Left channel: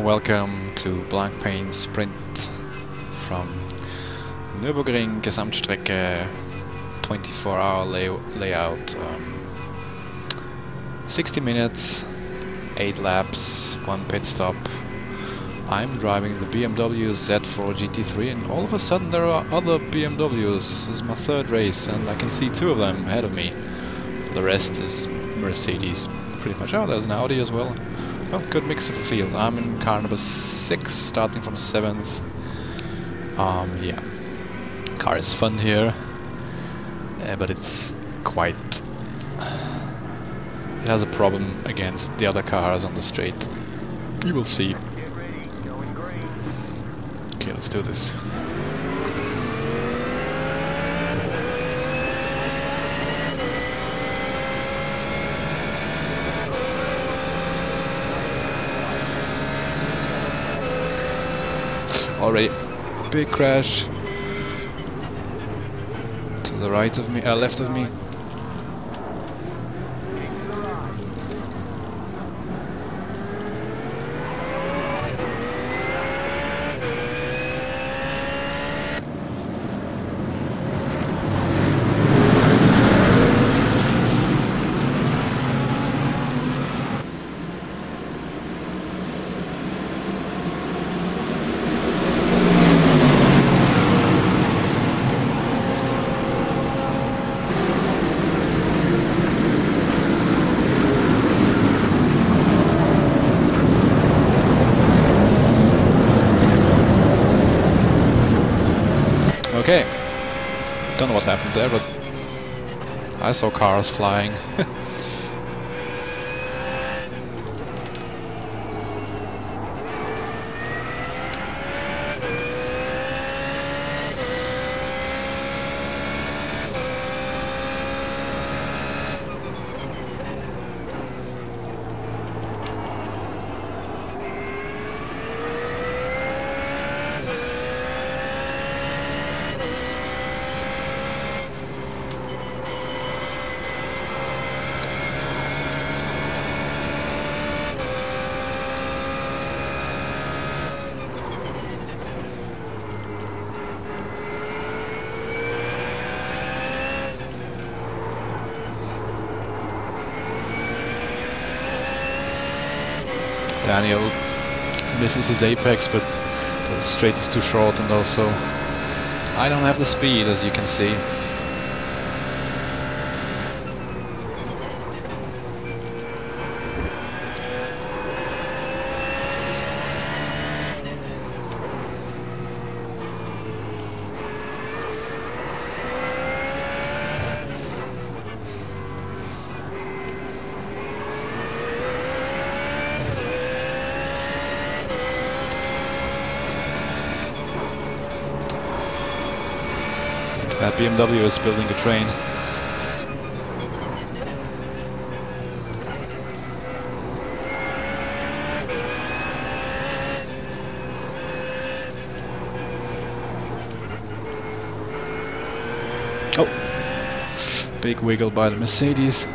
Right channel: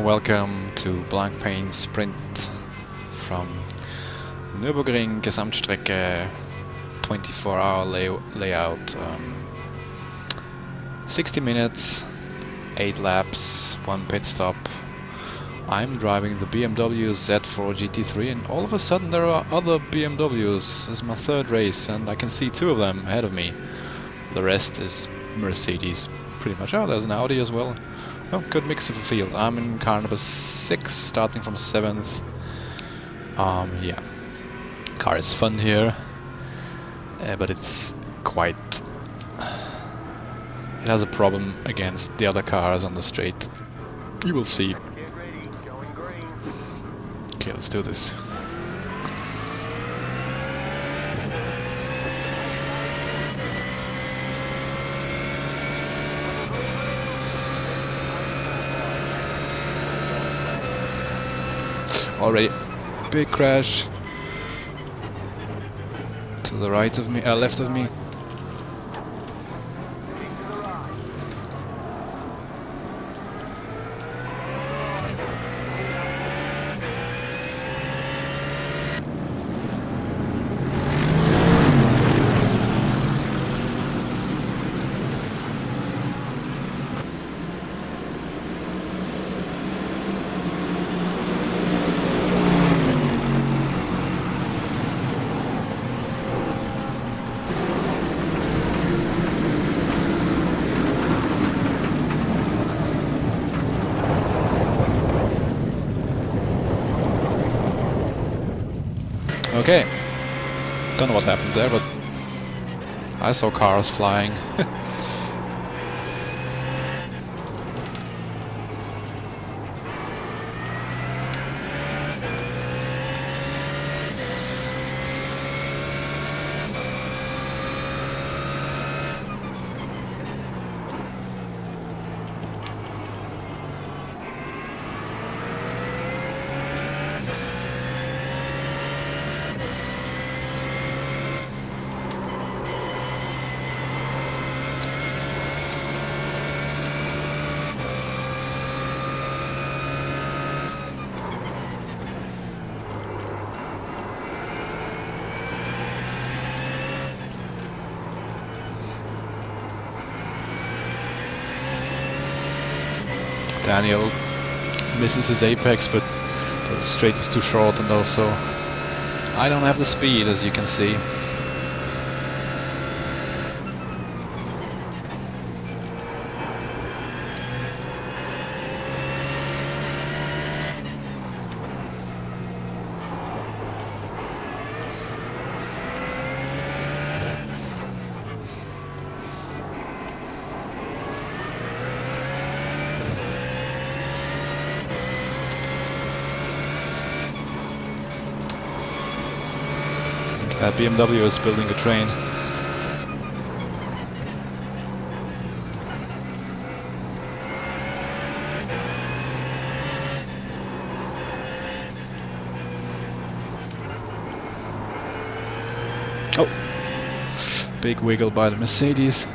warm welcome to Blank Pain Sprint from Nürburgring Gesamtstrecke, 24-hour layout, 60 minutes, 8 laps, 1 pit stop. I'm driving the BMW Z4 GT3 and all of a sudden there are other BMWs. This is my third race and I can see 2 of them ahead of me. The rest is Mercedes, pretty much. Oh, there's an Audi as well. Oh, good mix of the field. I'm in car number 6, starting from 7th. Yeah, car is fun here, but it's quite... it has a problem against the other cars on the straight. You will see. Okay, let's do this. Already big crash to the right of me, left of me. Okay, don't know what happened there, but I saw cars flying. Daniel misses his apex, but the straight is too short, and also I don't have the speed, as you can see. That BMW is building a train. Oh! Big wiggle by the Mercedes.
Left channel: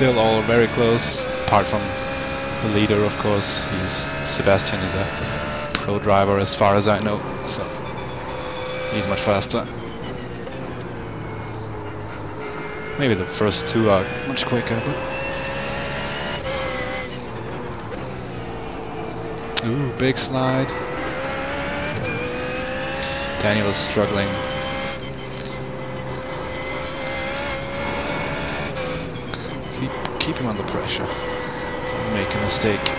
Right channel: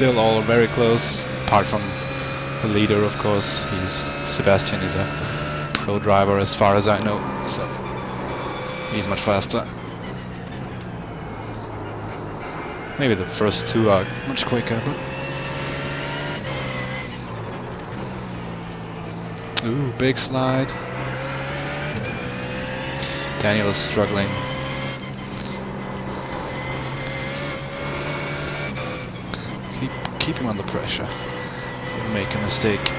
Still all very close, apart from the leader, of course. Sebastian is a pro driver as far as I know, so he's much faster. Maybe the first two are much quicker, but... Ooh, big slide. Daniel is struggling. Keep him under pressure. Don't make a mistake.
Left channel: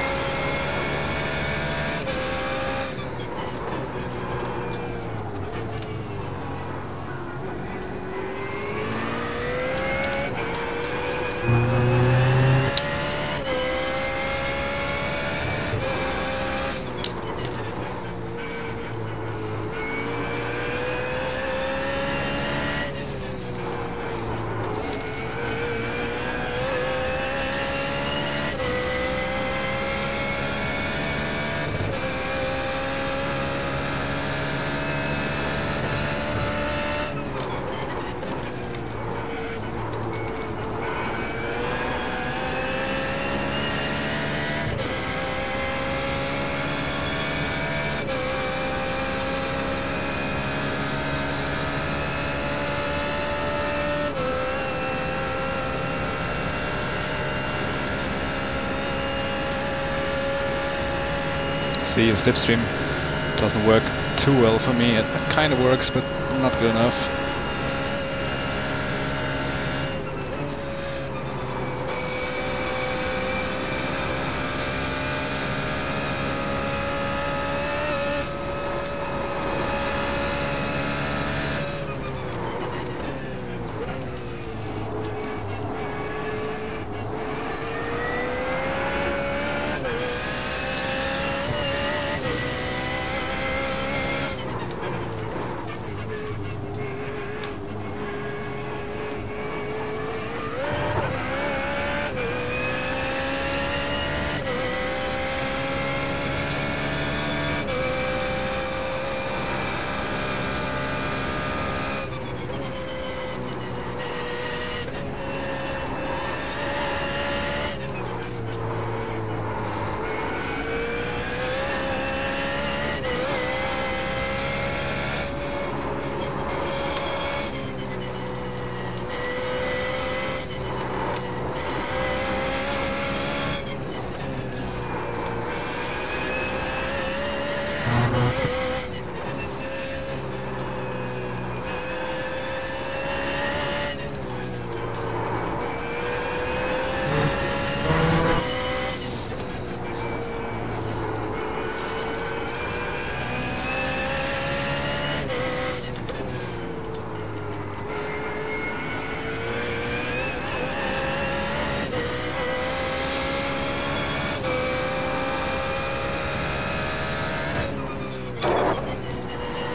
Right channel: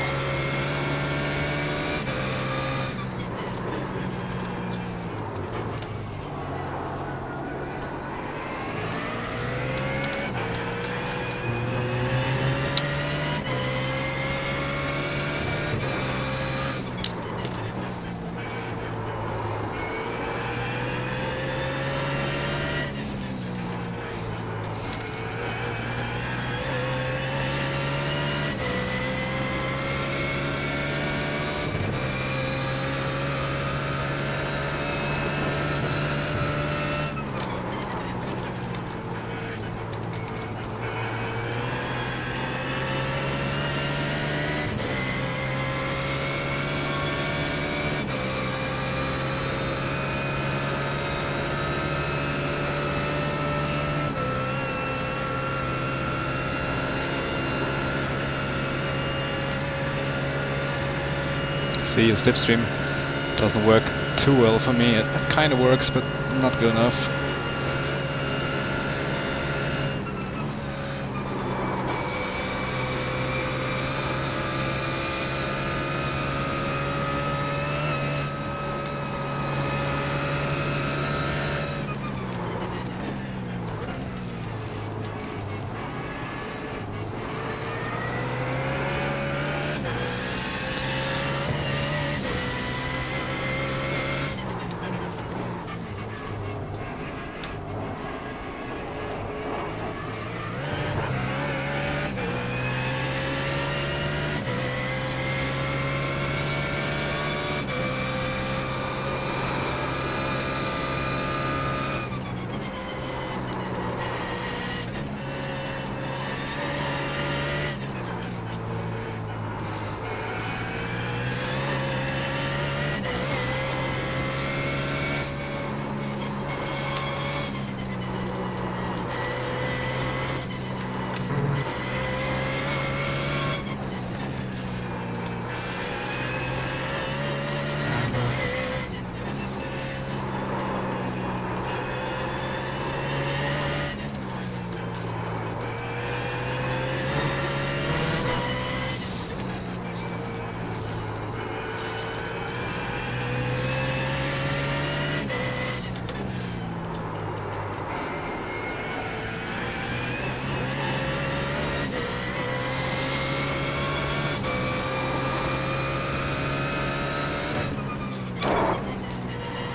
See, the slipstream doesn't work too well for me. It kind of works, but not good enough.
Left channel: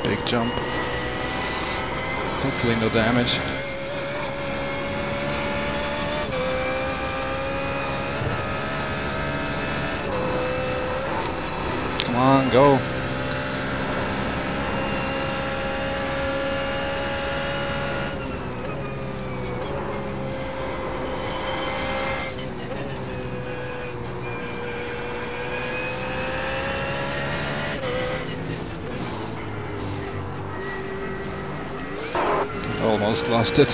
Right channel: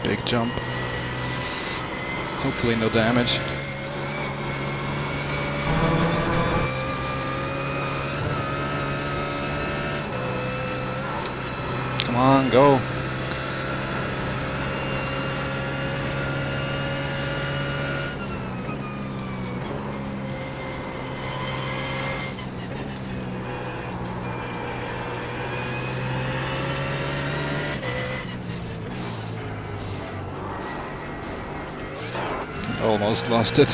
Big jump. Hopefully no damage. Come on, go. Almost lost it.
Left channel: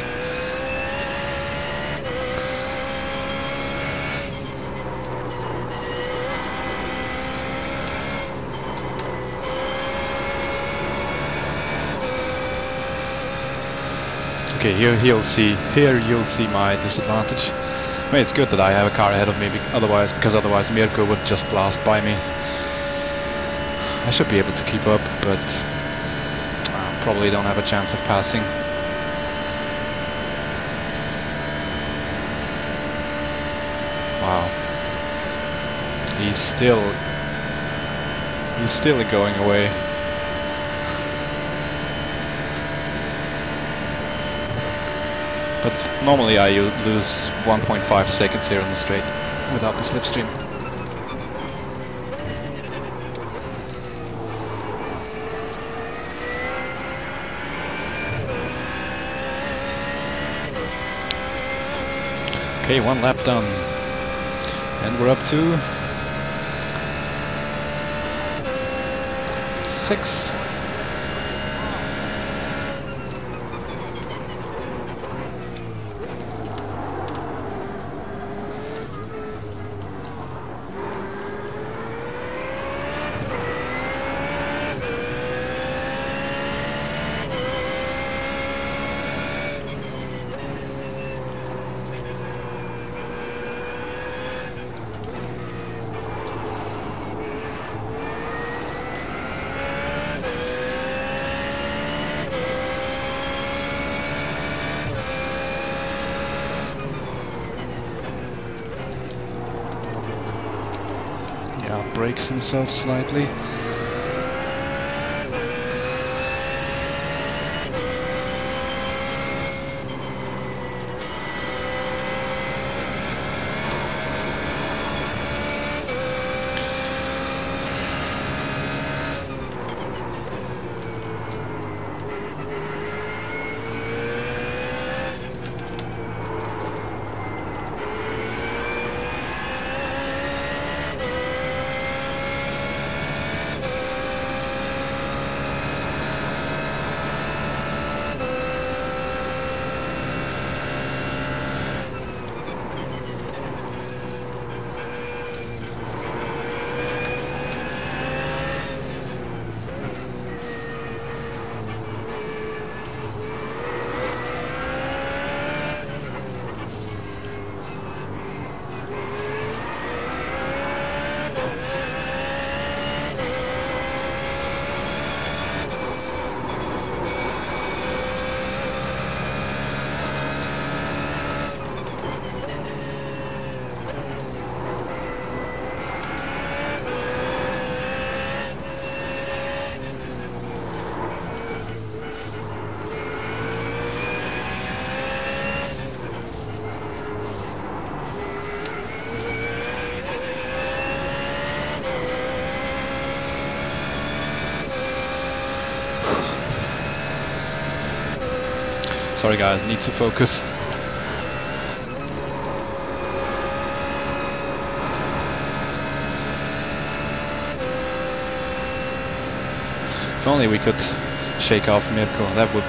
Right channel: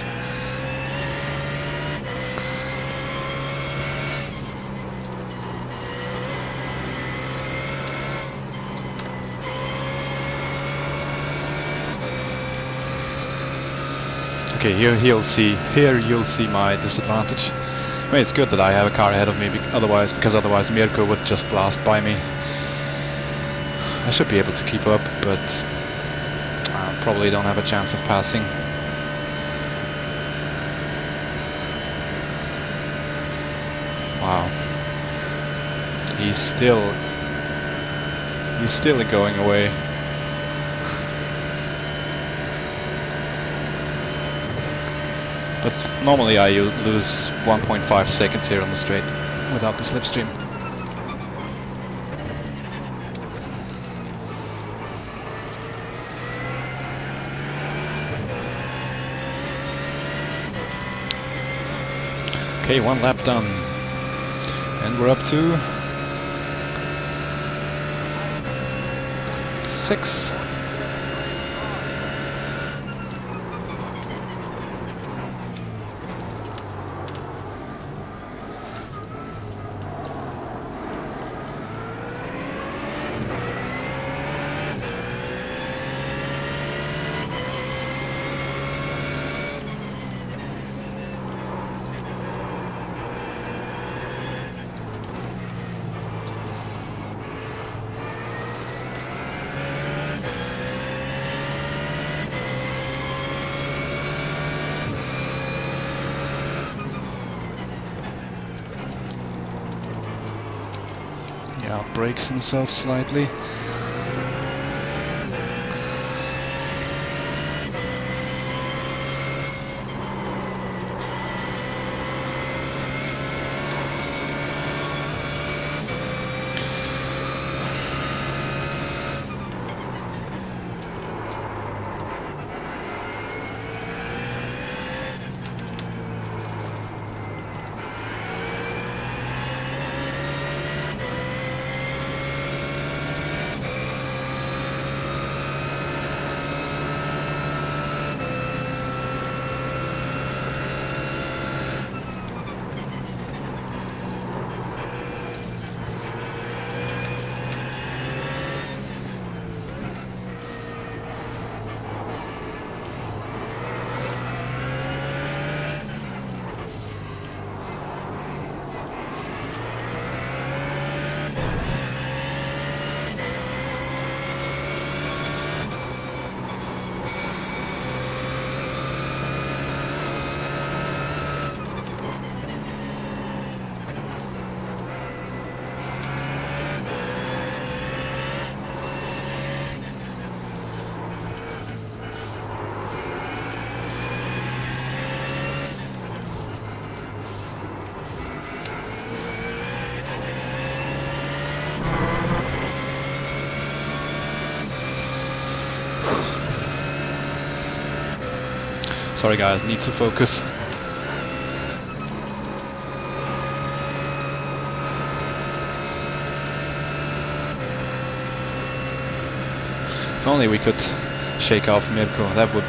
Okay, here you'll see my disadvantage. I mean, it's good that I have a car ahead of me, because otherwise Mirko would just blast by me. I should be able to keep up, but probably don't have a chance of passing. Wow. He's still going away. But normally I lose 1.5 seconds here on the straight without the slipstream. Okay, one lap done. And we're up to 6th. Yeah, brakes himself slightly. Sorry guys, need to focus. If only we could shake off Mirko, that would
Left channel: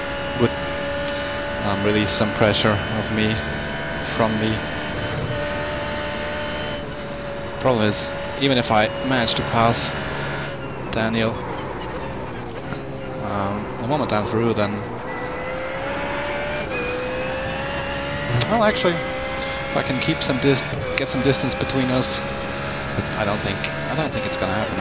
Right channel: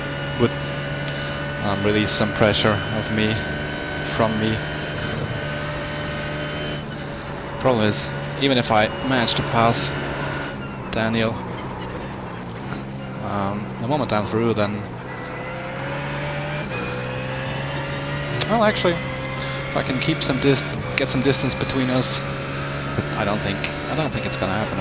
release some pressure from me. Problem is, even if I manage to pass Daniel, the moment I'm through, then well, actually, if I can keep get some distance between us, but I don't think it's gonna happen.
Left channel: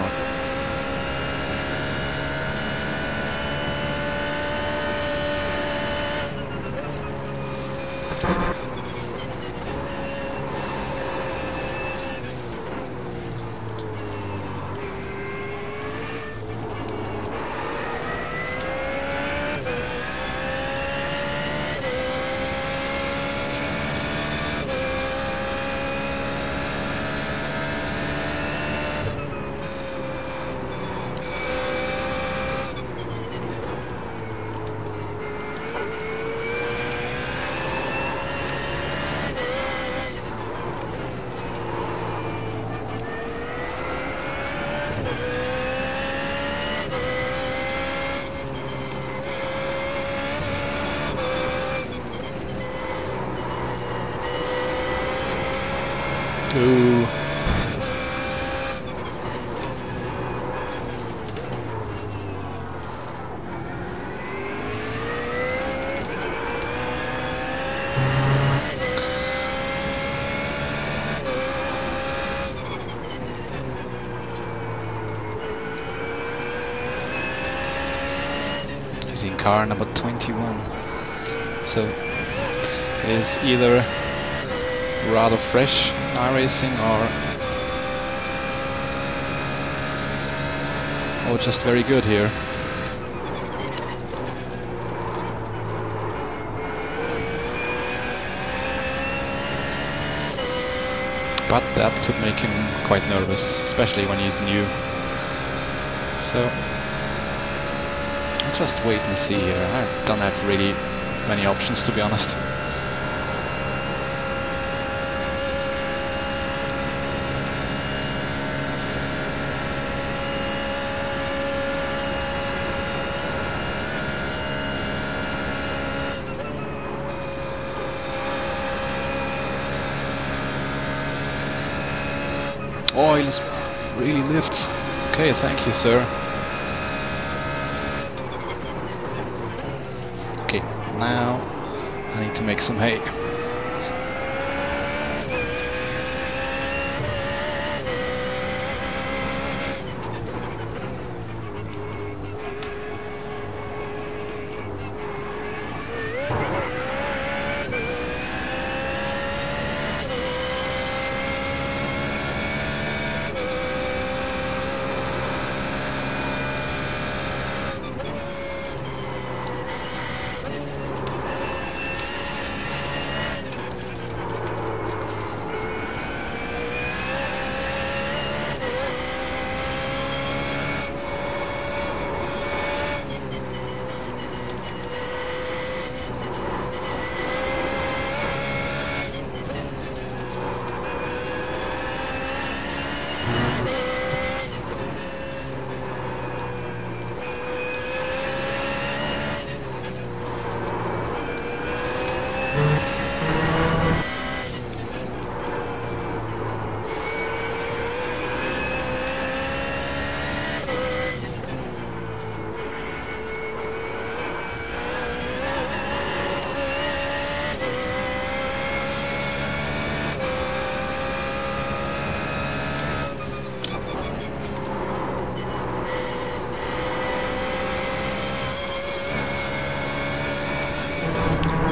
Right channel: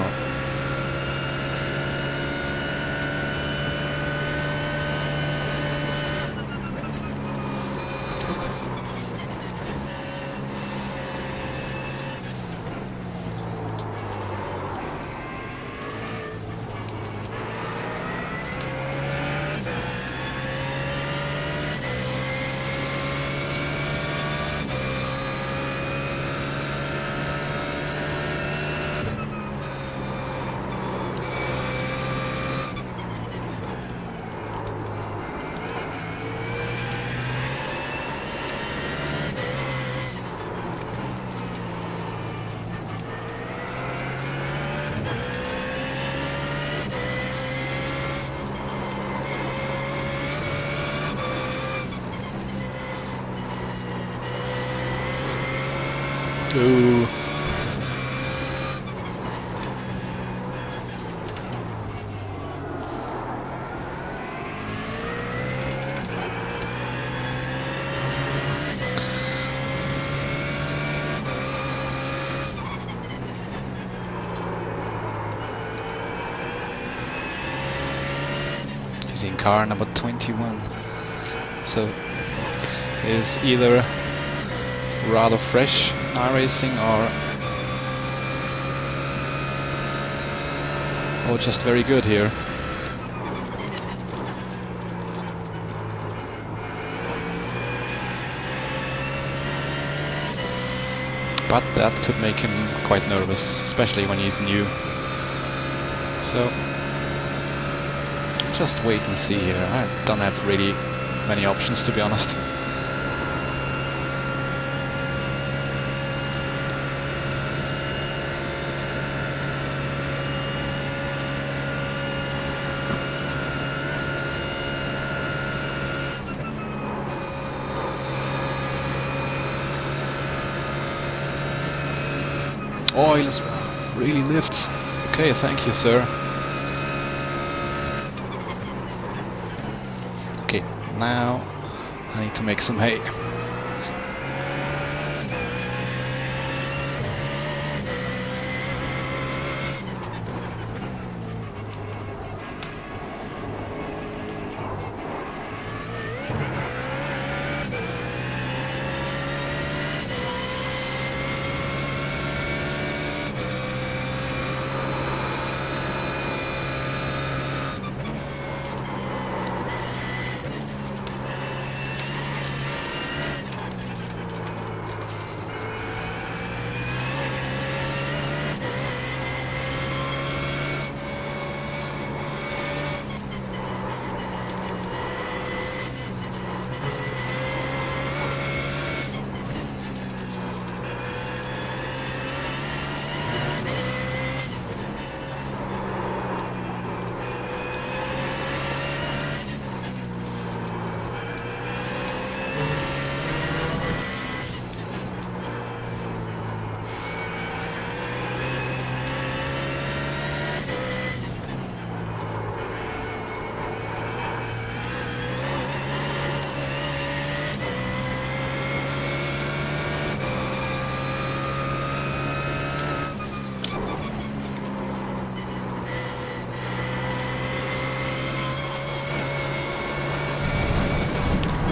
Ooh. He's in car number 21. So is either rather fresh in iRacing or just very good here. But that could make him quite nervous, especially when he's new. So just wait and see here. I don't have really many options, to be honest. Oh, he really lifts. Okay, thank you, sir. Okay, now I need to make some hay.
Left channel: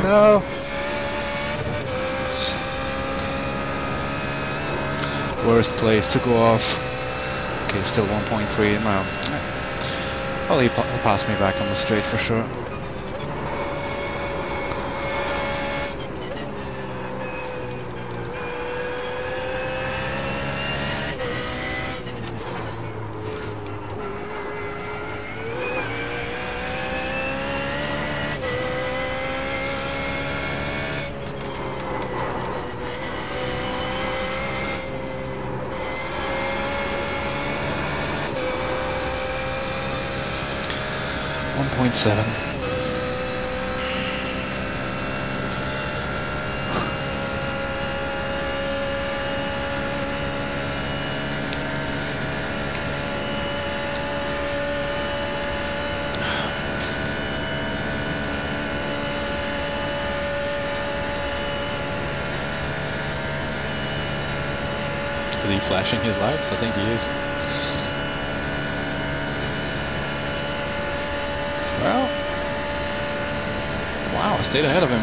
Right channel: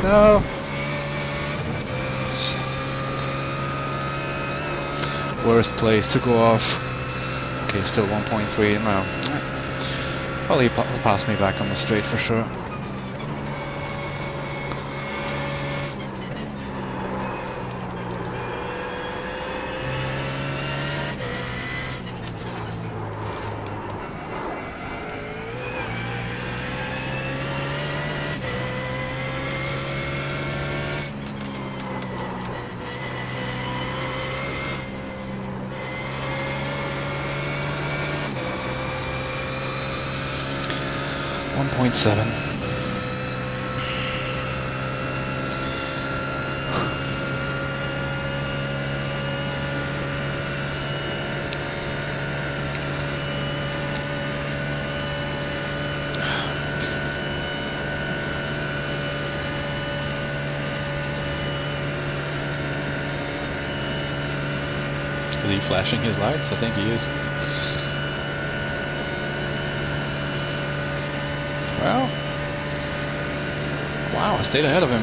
No. Worst place to go off. Okay, still 1.3 now. Well, he'll pass me back on the straight for sure. .7. Is he flashing his lights? I think he is. Well, wow, I stayed ahead of him.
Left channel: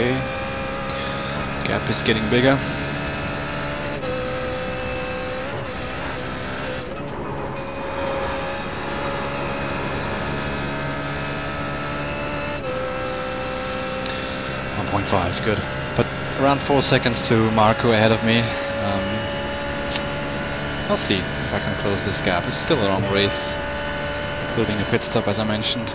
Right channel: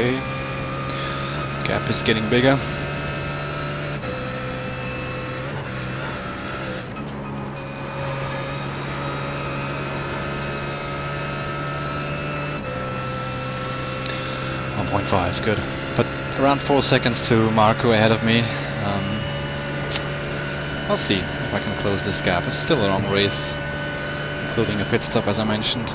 Okay. Gap is getting bigger. .5, good. But around 4 seconds to Marco ahead of me. I'll see if I can close this gap. It's still a long race, including a pit stop, as I mentioned.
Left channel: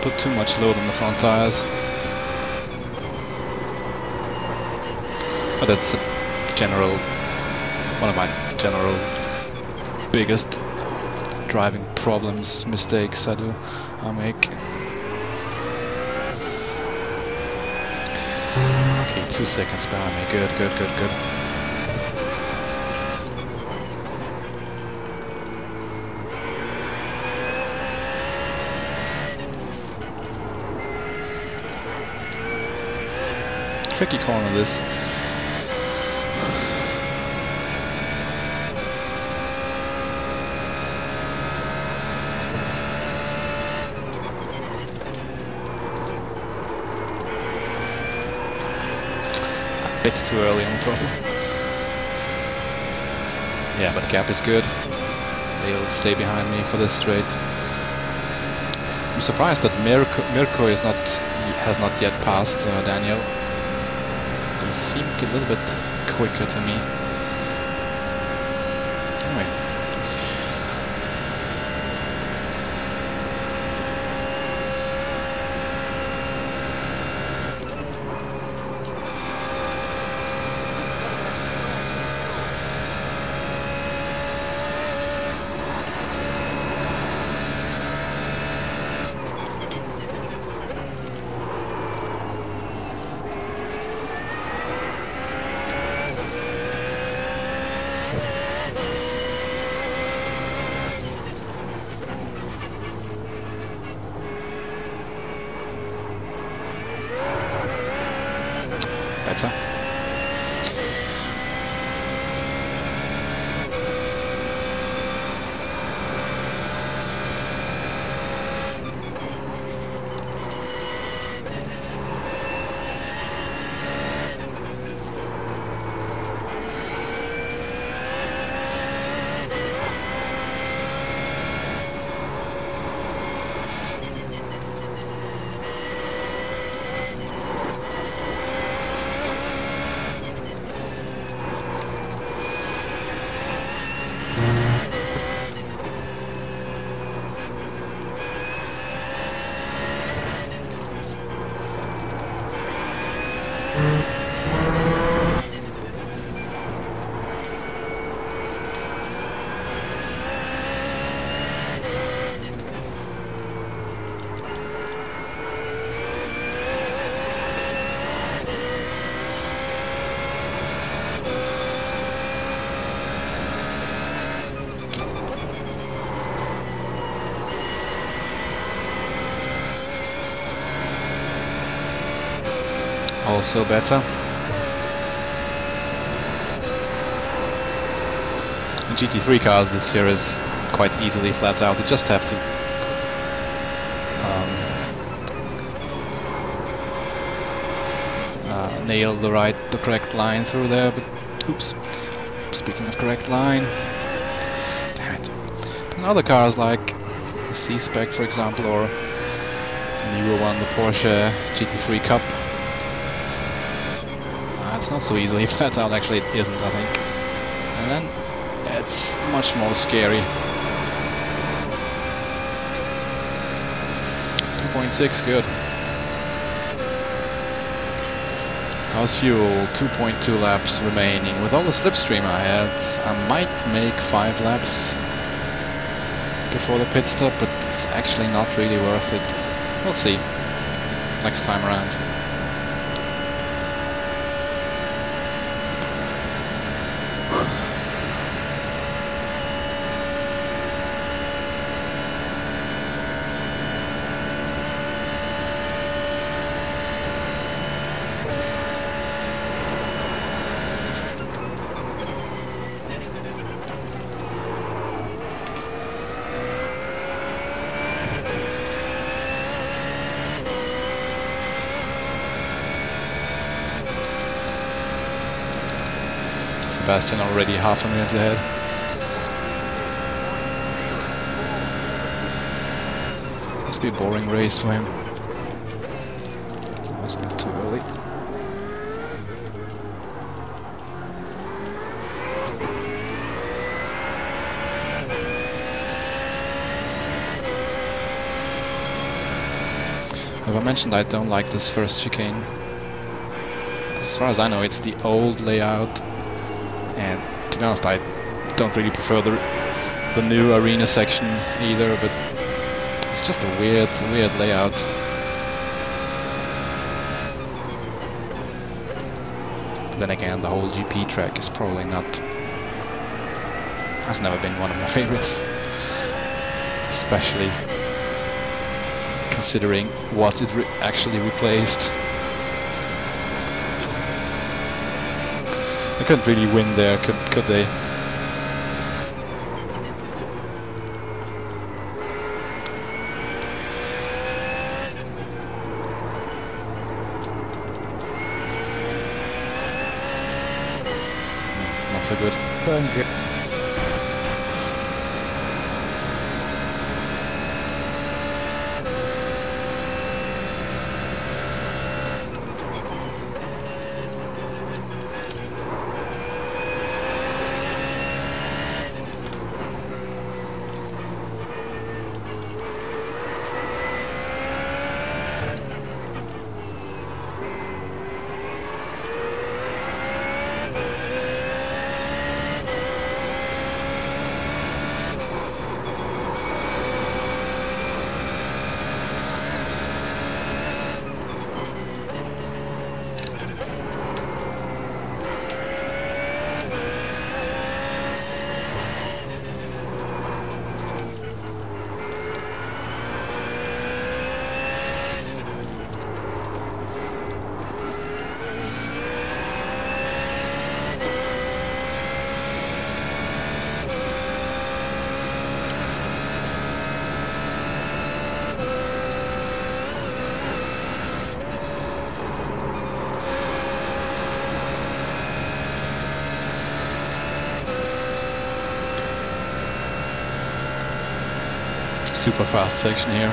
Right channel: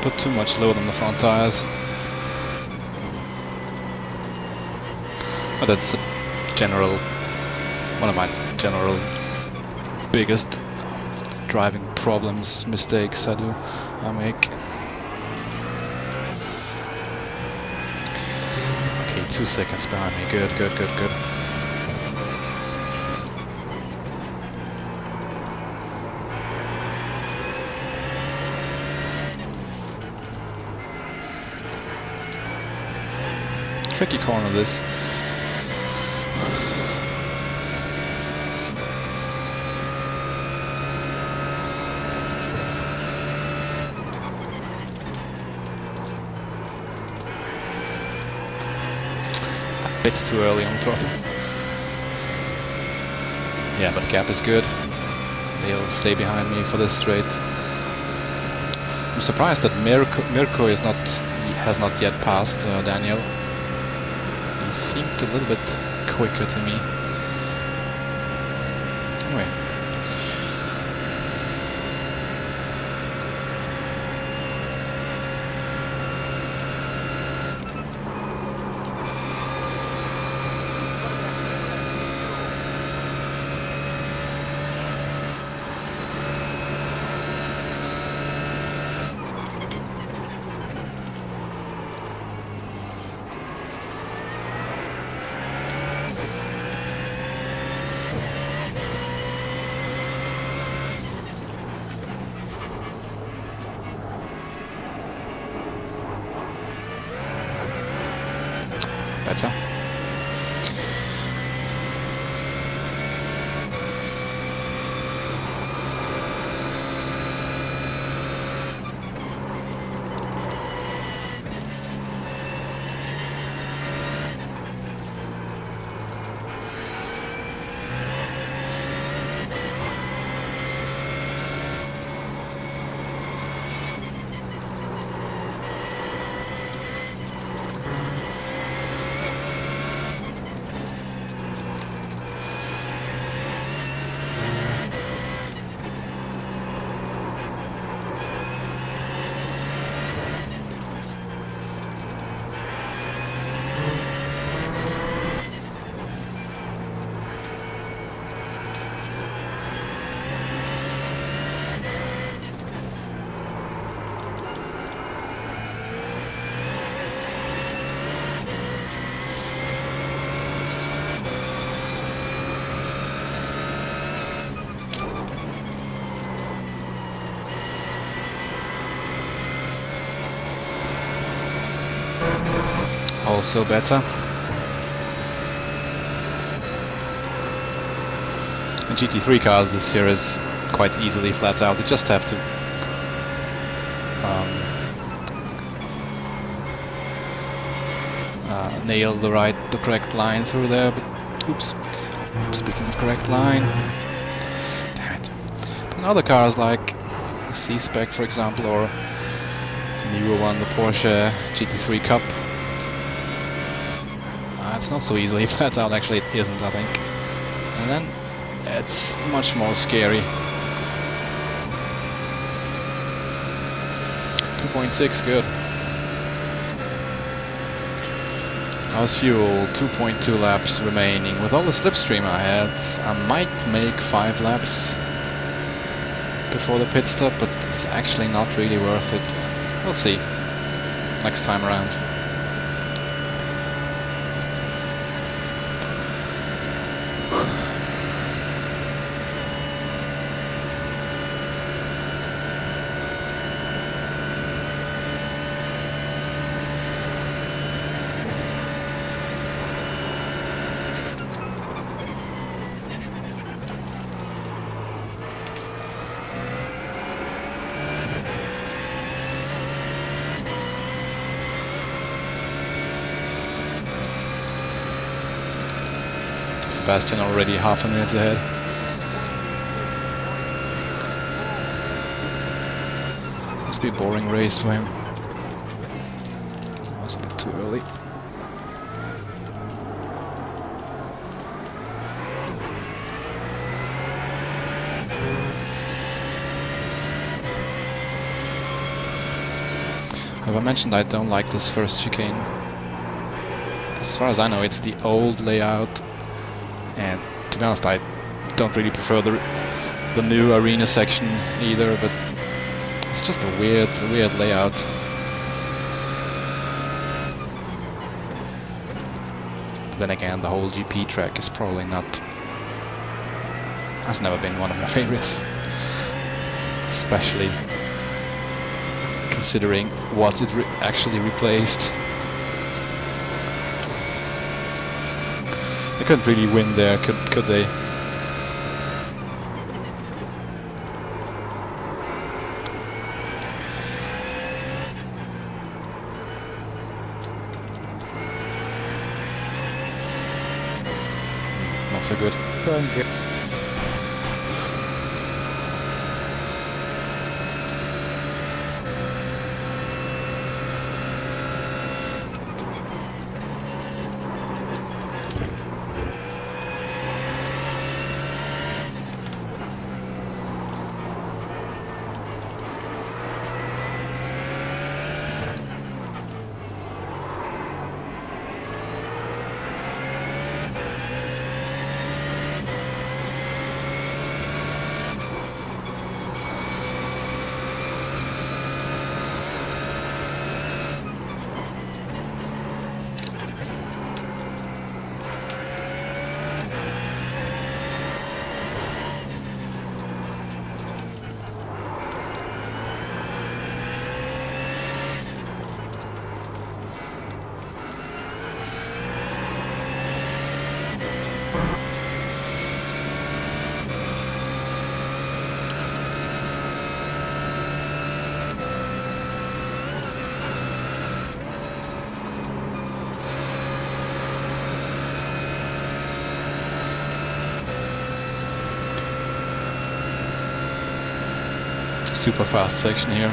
Put too much load on the front tires. But that's a one of my general biggest driving problems, mistakes I make. Okay, 2 seconds behind me. Good, good, good, good. Tricky corner this. A bit too early on the throttle. Yeah, but the gap is good. They'll stay behind me for this straight. I'm surprised that Mirko has not yet passed Daniel. He seemed a little bit quicker to me. Anyway. Better. Also better. In GT3 cars this here is quite easily flat out. You just have to nail the correct line through there. But oops, speaking of correct line, damn it. In other cars like the C-Spec, for example, or the newer one, the Porsche GT3 Cup. It's not so easily flat out, actually it isn't, I think. And then it's much more scary. 2.6, good. How's fuel? 2.2 laps remaining. With all the slipstream I had, I might make 5 laps before the pit stop, but it's actually not really worth it. We'll see next time around. Sebastian already half a minute ahead. Must be a boring race for him. That was a bit too early. As I mentioned, I don't like this first chicane. As far as I know, it's the old layout. And to be honest, I don't really prefer the new arena section either, but it's just a weird layout. Then again, the whole GP track is probably not... has never been one of my favorites. Especially considering what it actually replaced. They couldn't really win there, could they? Not so good. Thank you. Super fast section here.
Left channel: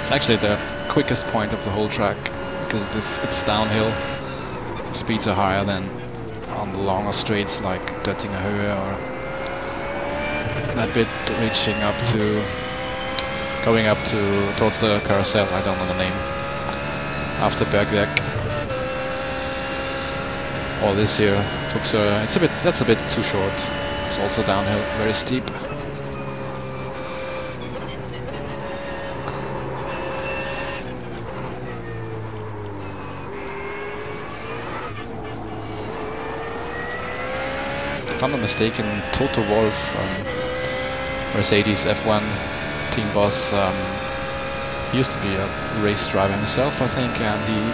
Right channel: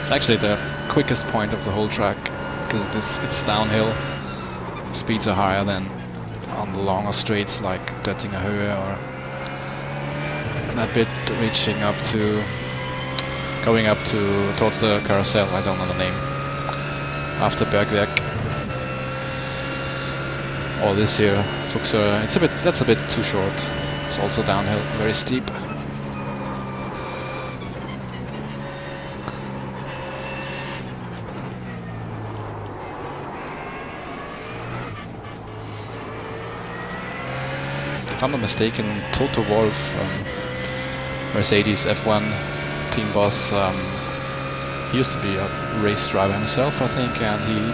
It's actually the quickest point of the whole track because it's downhill. The speeds are higher than on the longer straights like Göttingen Höhe or that bit reaching up to going up to towards the carousel. I don't know the name. After Bergwerk. All this here, Fuchser, that's a bit too short. It's also downhill, very steep. If I'm not mistaken, Toto Wolff, Mercedes F1 team boss, he used to be a race driver himself, I think, and he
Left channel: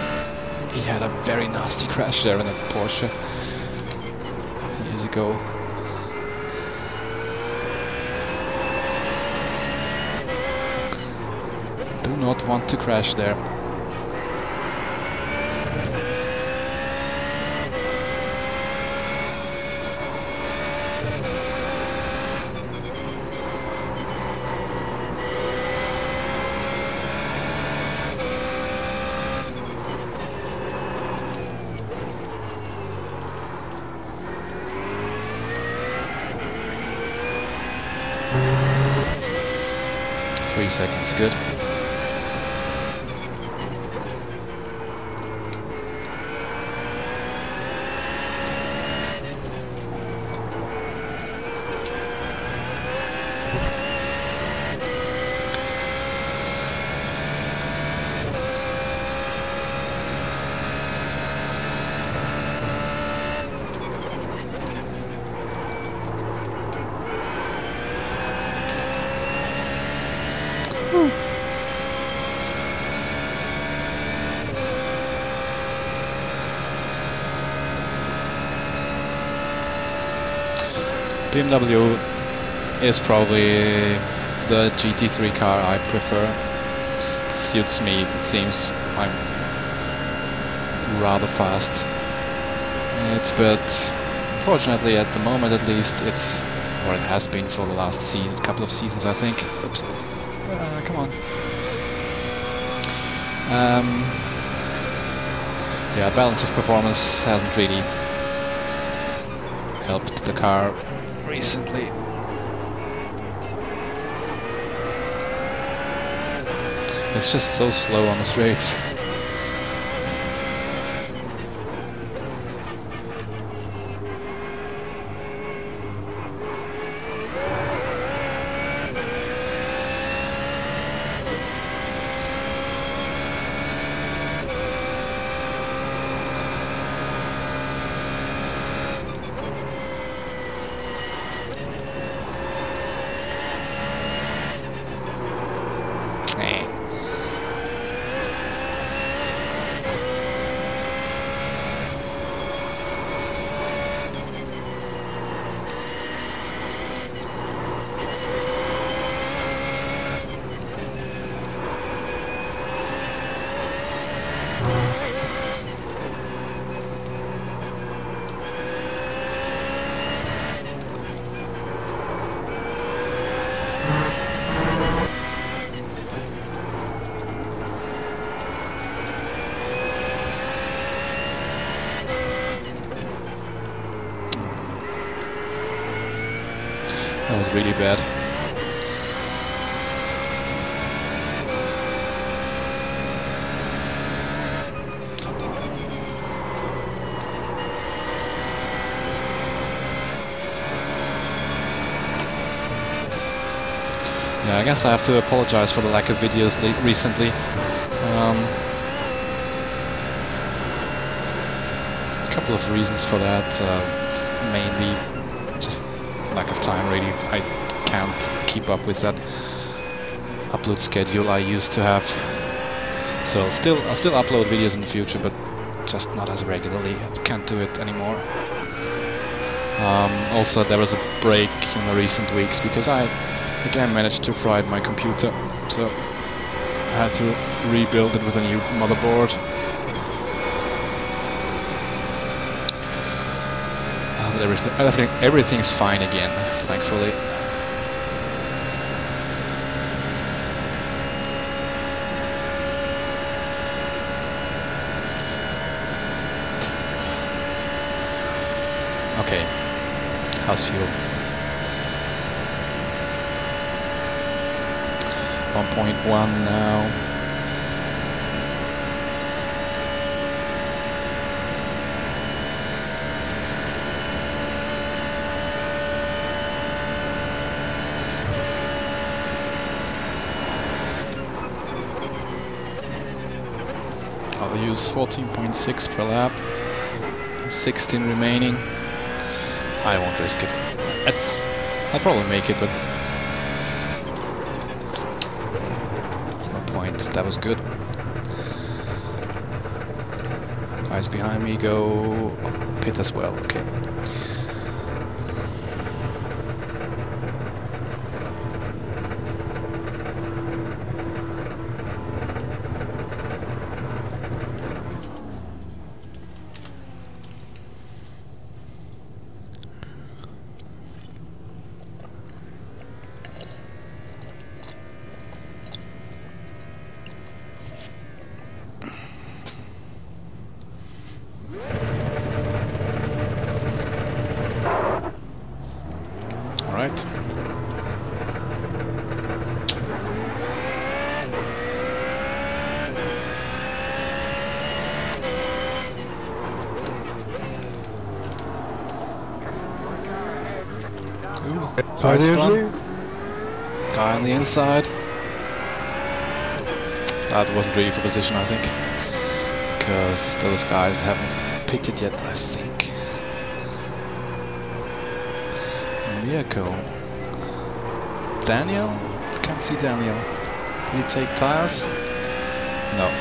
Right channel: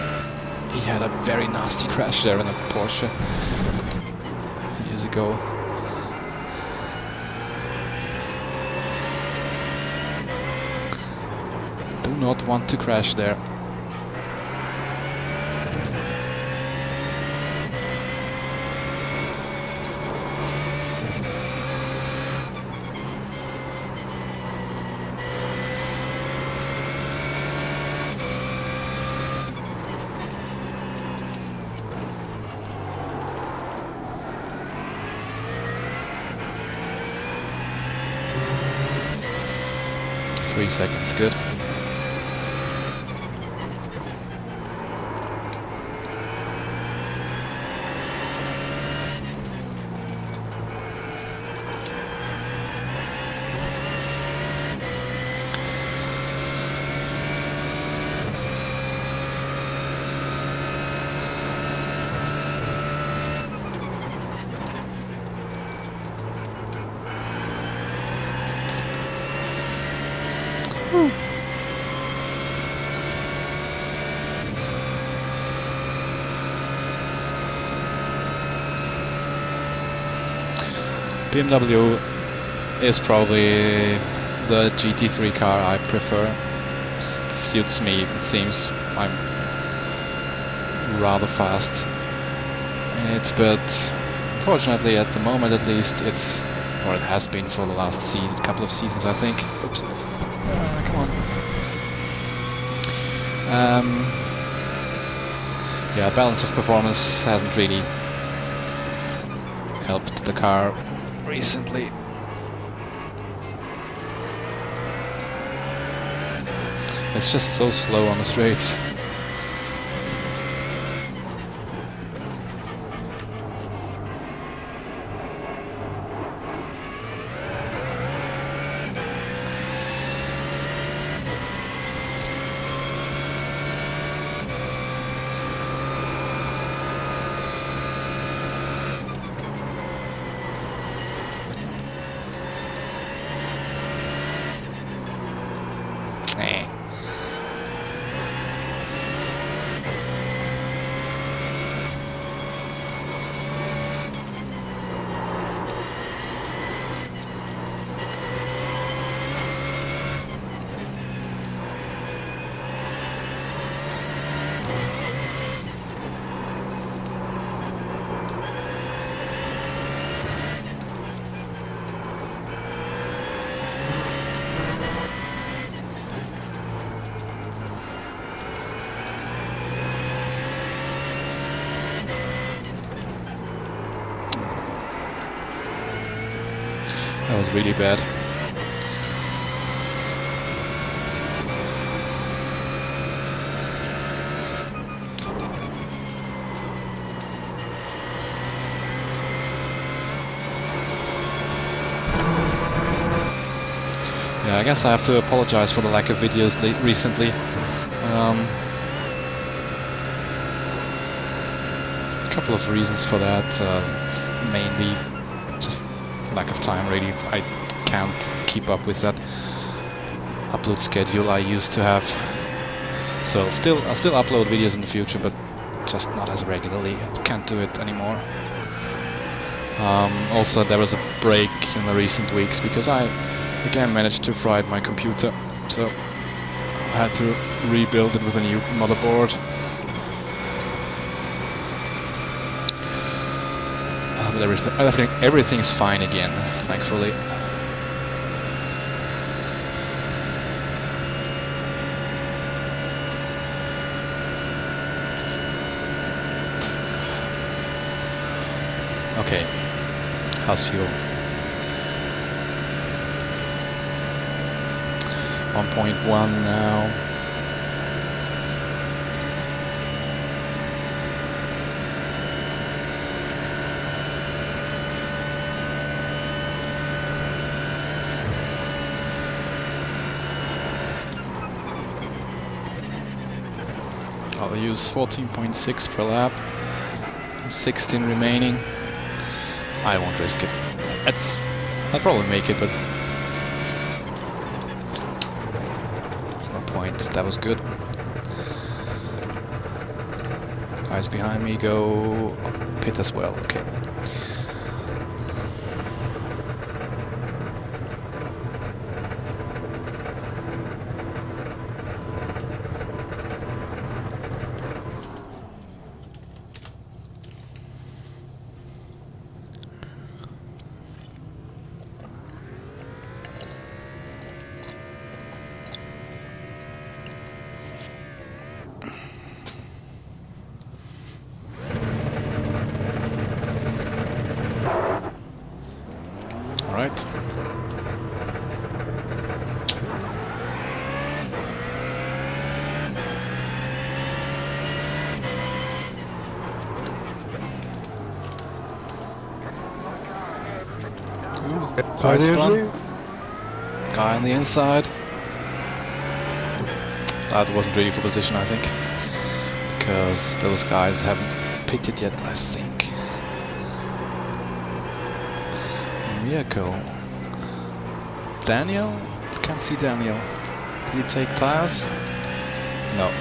had a very nasty crash there in a Porsche years ago. Do not want to crash there. 3 seconds, good. BMW is probably the GT3 car I prefer. Suits me, it seems. I'm rather fast in it, but unfortunately at the moment at least it's, or it has been for the last couple of seasons I think. Oops. Come on. Yeah, balance of performance hasn't really helped the car recently. It's just so slow on the straights. That was really bad. Yeah, I guess I have to apologize for the lack of videos recently. A couple of reasons for that. Mainly just lack of time, really. I can't keep up with that upload schedule I used to have. So I'll still upload videos in the future, but just not as regularly. I can't do it anymore. Also, there was a break in the recent weeks because I again managed to fry my computer, so I had to rebuild it with a new motherboard. But everything's fine again, thankfully. Okay, how's fuel? 1.1 now. I'll use 14.6 per lap, 16 remaining. I won't risk it. I'll probably make it, but there's no point. That was good. Guys behind me go pit as well. Okay. Nice one. Guy on the inside. That wasn't really for position, I think, because those guys haven't pitted yet, I think. Mirko. Daniel? Can't see Daniel. Did he take tires? No.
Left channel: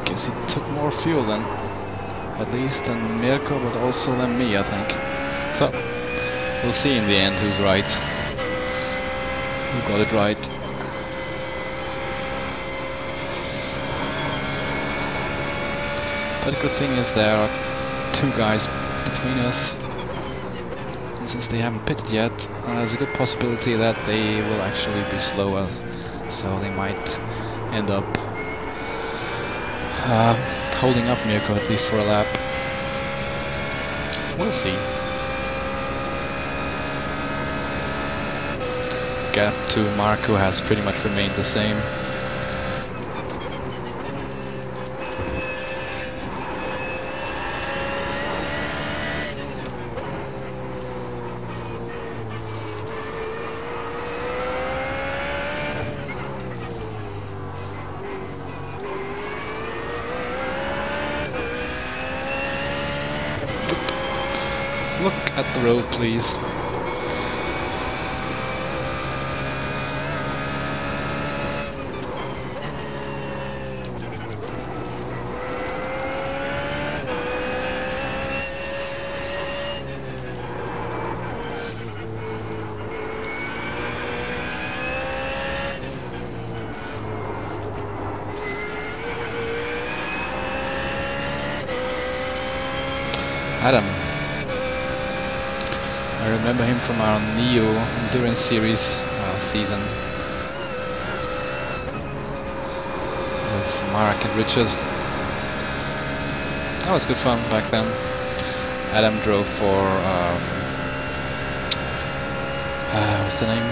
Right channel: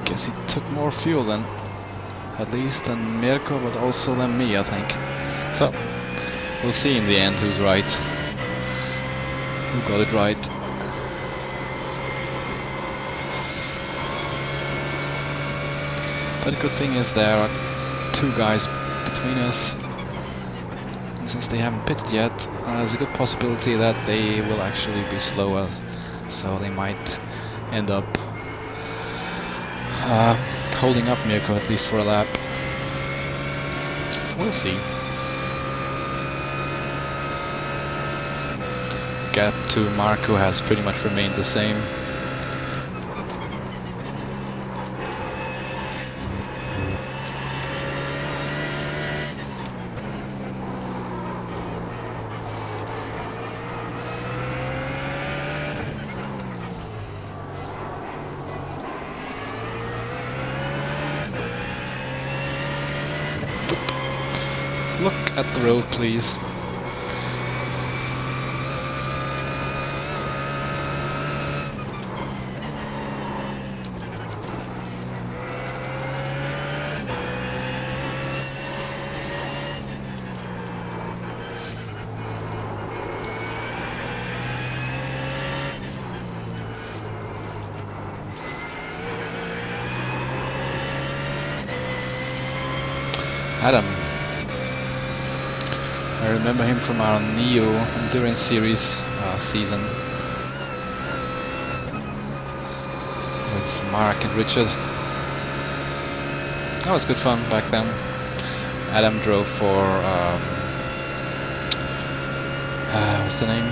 I guess he took more fuel then. At least than Mirko, but also than me, I think. So, we'll see in the end who's right. Who got it right. But the good thing is there are two guys between us. And since they haven't pitted yet, there's a good possibility that they will actually be slower. So they might end up holding up Mirko at least for a lap. We'll see. Gap to Marco has pretty much remained the same. Look at the road, please. Adam. I remember him from our Neo Endurance Series season with Mark and Richard. That was good fun back then. Adam drove for what's the name?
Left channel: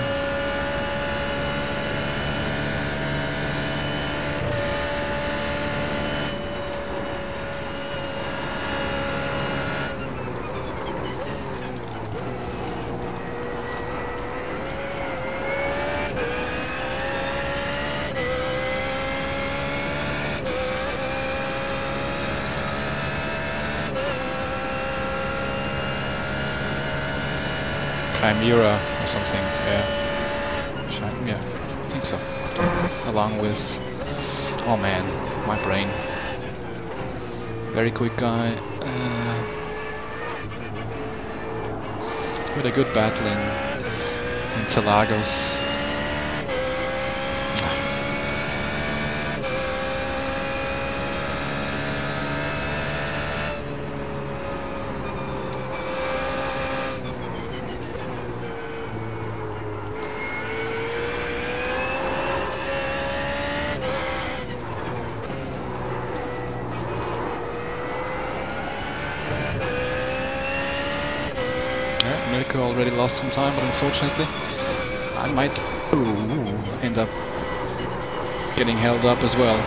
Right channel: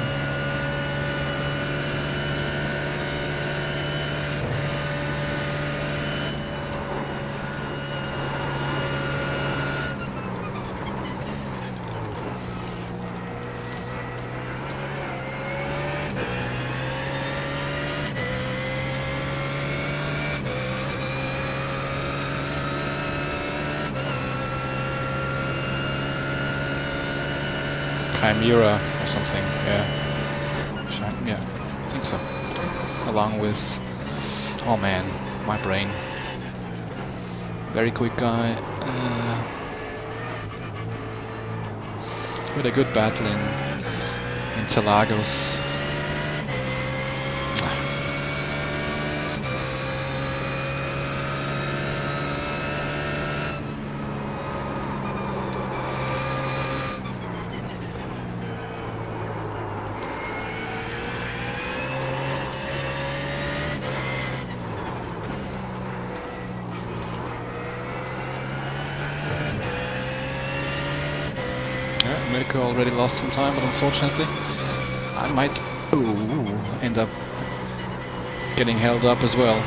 Chimera or something, yeah. Yeah, I think so. Along with, oh man, my brain. Very quick guy. With a good battle in Interlagos. Mirko already lost some time, but unfortunately I might end up getting held up as well.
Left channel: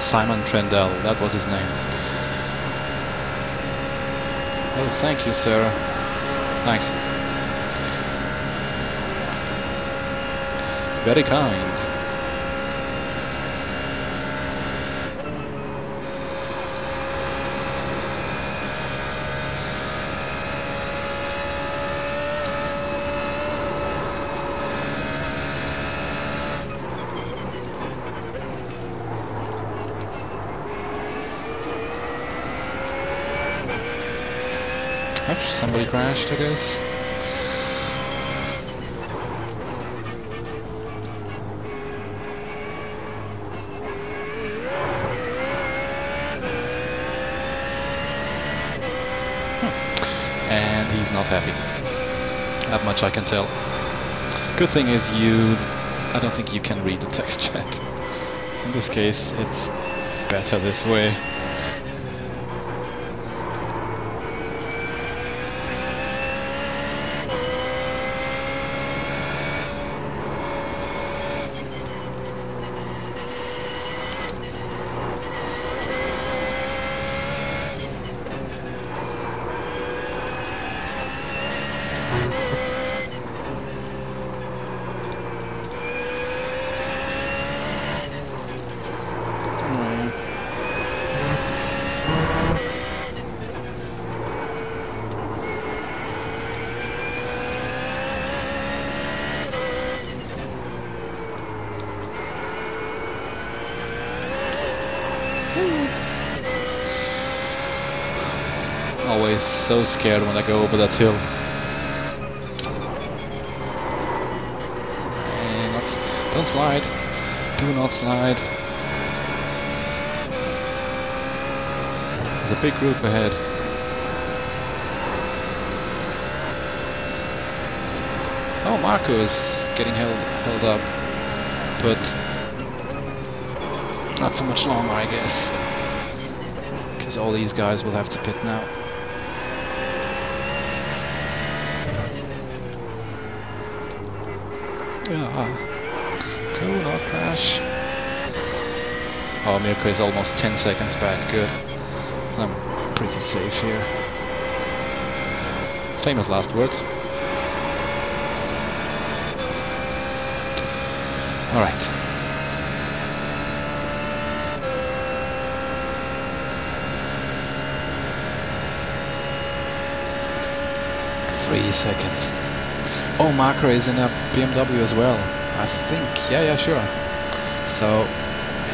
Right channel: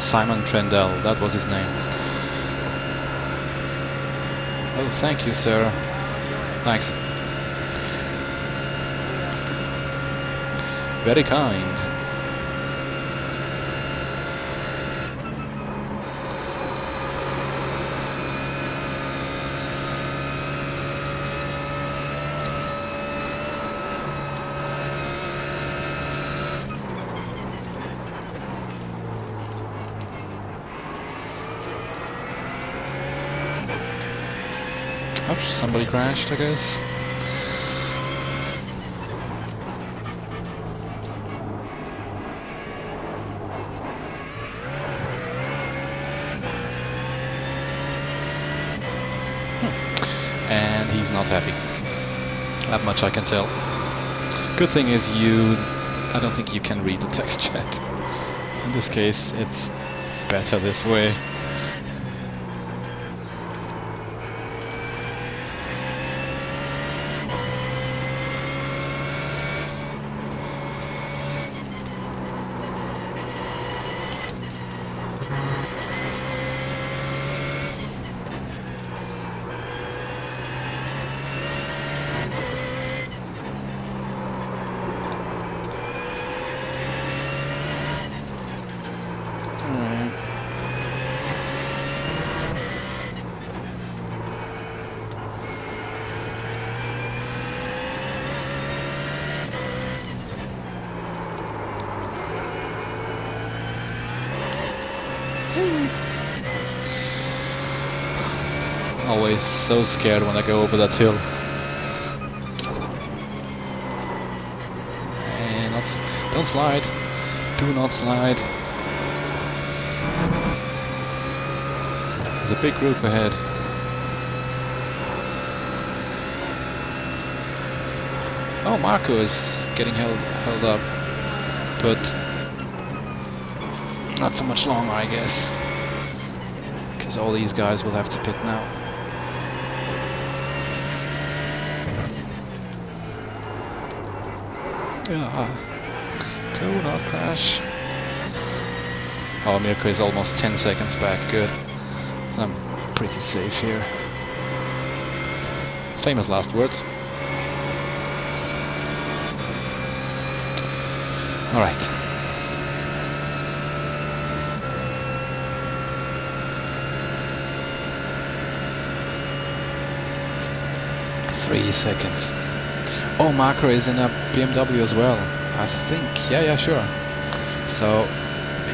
Simon Trendell, that was his name. Oh, thank you, sir. Thanks. Very kind. Ouch, somebody crashed, I guess. And he's not happy. That much I can tell. Good thing is I don't think you can read the text chat. In this case, it's better this way. Always so scared when I go over that hill. And don't slide. Do not slide. There's a big group ahead. Oh, Marco is getting held up, but not for much longer, I guess, because all these guys will have to pit now. Do not crash. Oh, Mirko is almost 10 seconds back. Good. I'm pretty safe here. Famous last words. All right. Three seconds. Oh, Marco is in a BMW as well, I think. Yeah, sure. So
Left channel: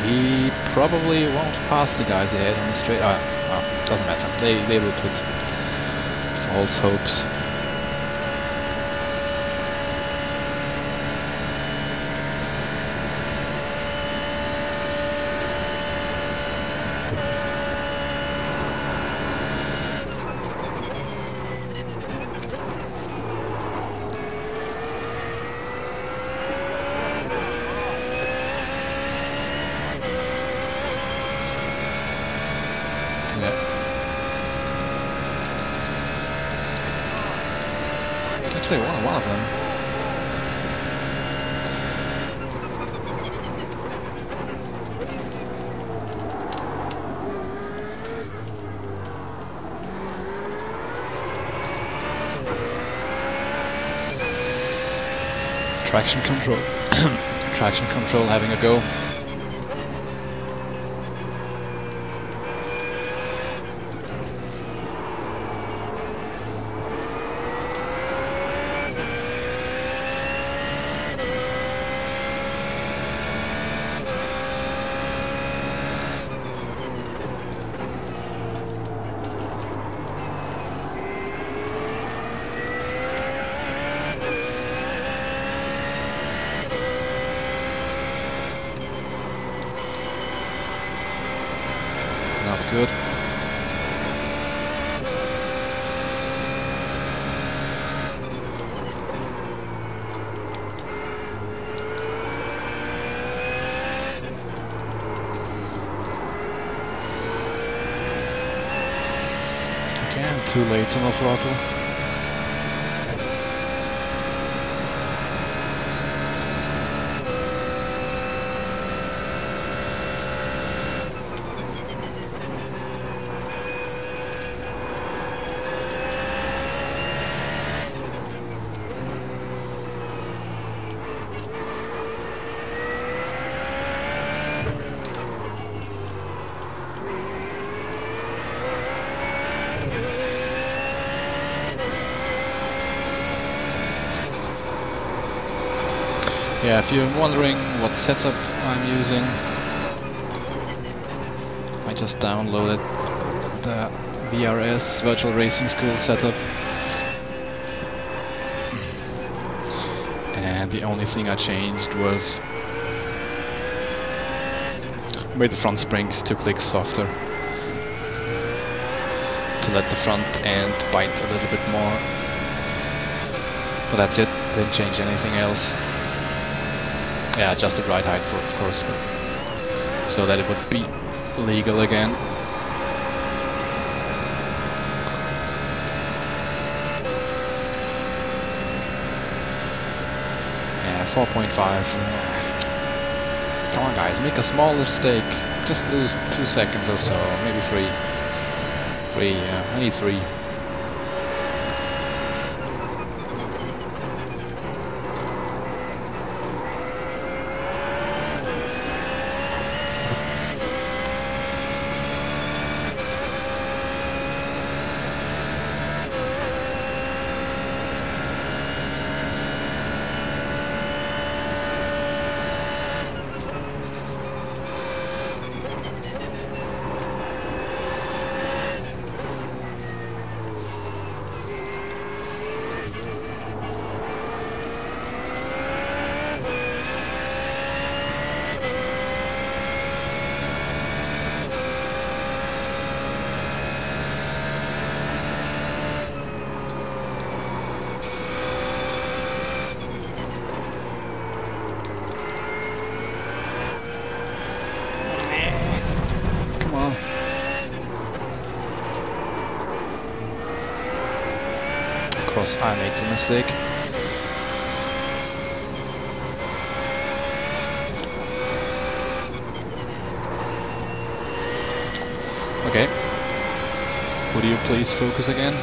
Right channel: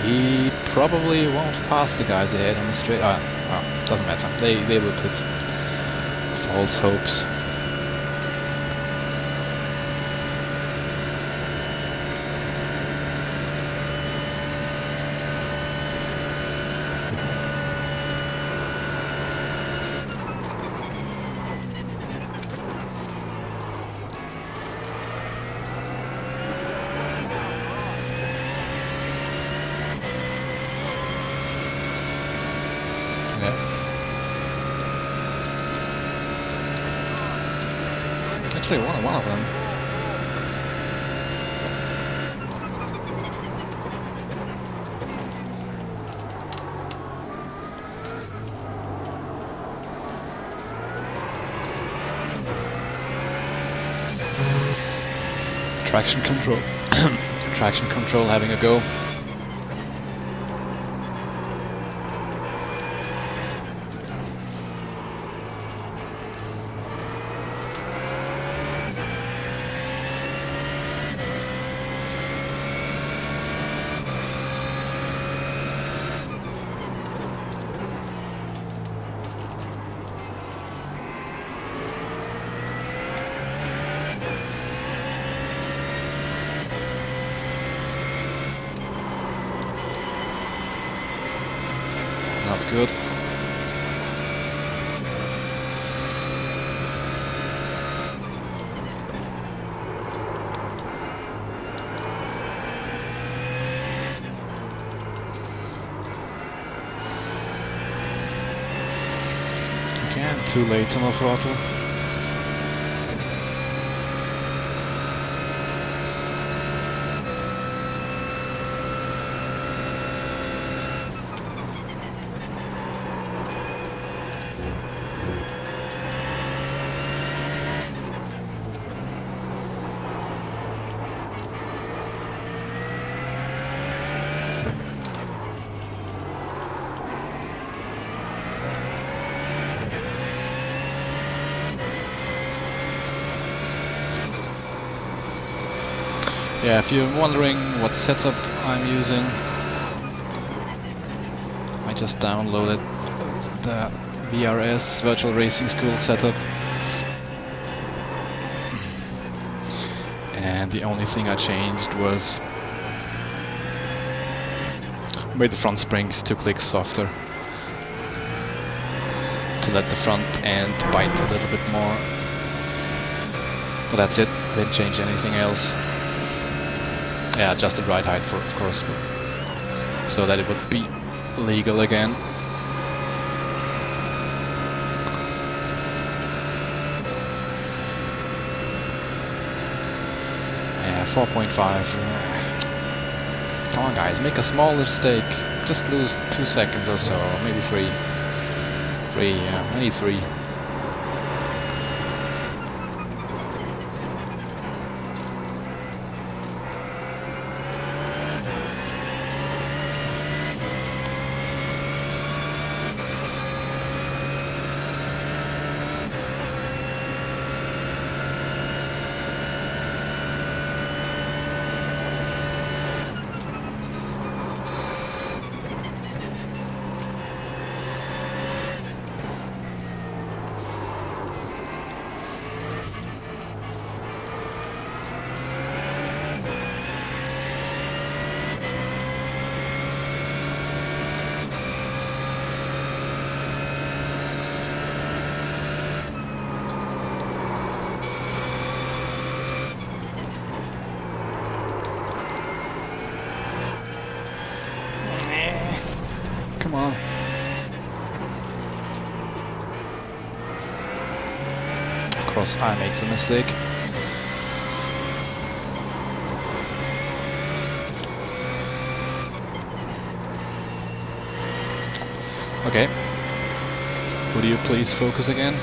he probably won't pass the guys ahead on the straight. Doesn't matter. They will put false hopes. Actually, one of them. Traction control. Traction control having a go. Not good. Again, too late on the throttle. Yeah, if you're wondering what setup I'm using, I just downloaded the VRS, Virtual Racing School setup. And the only thing I changed was made the front springs 2 clicks softer to let the front end bite a little bit more. But that's it, didn't change anything else. Yeah, adjusted ride height for, of course, but so that it would be legal again. Yeah, 4.5. Come on guys, make a small mistake. Just lose 2 seconds or so, or maybe 3. 3, yeah, I need 3. Come on. Of course, I make the mistake. Okay. Would you please focus again?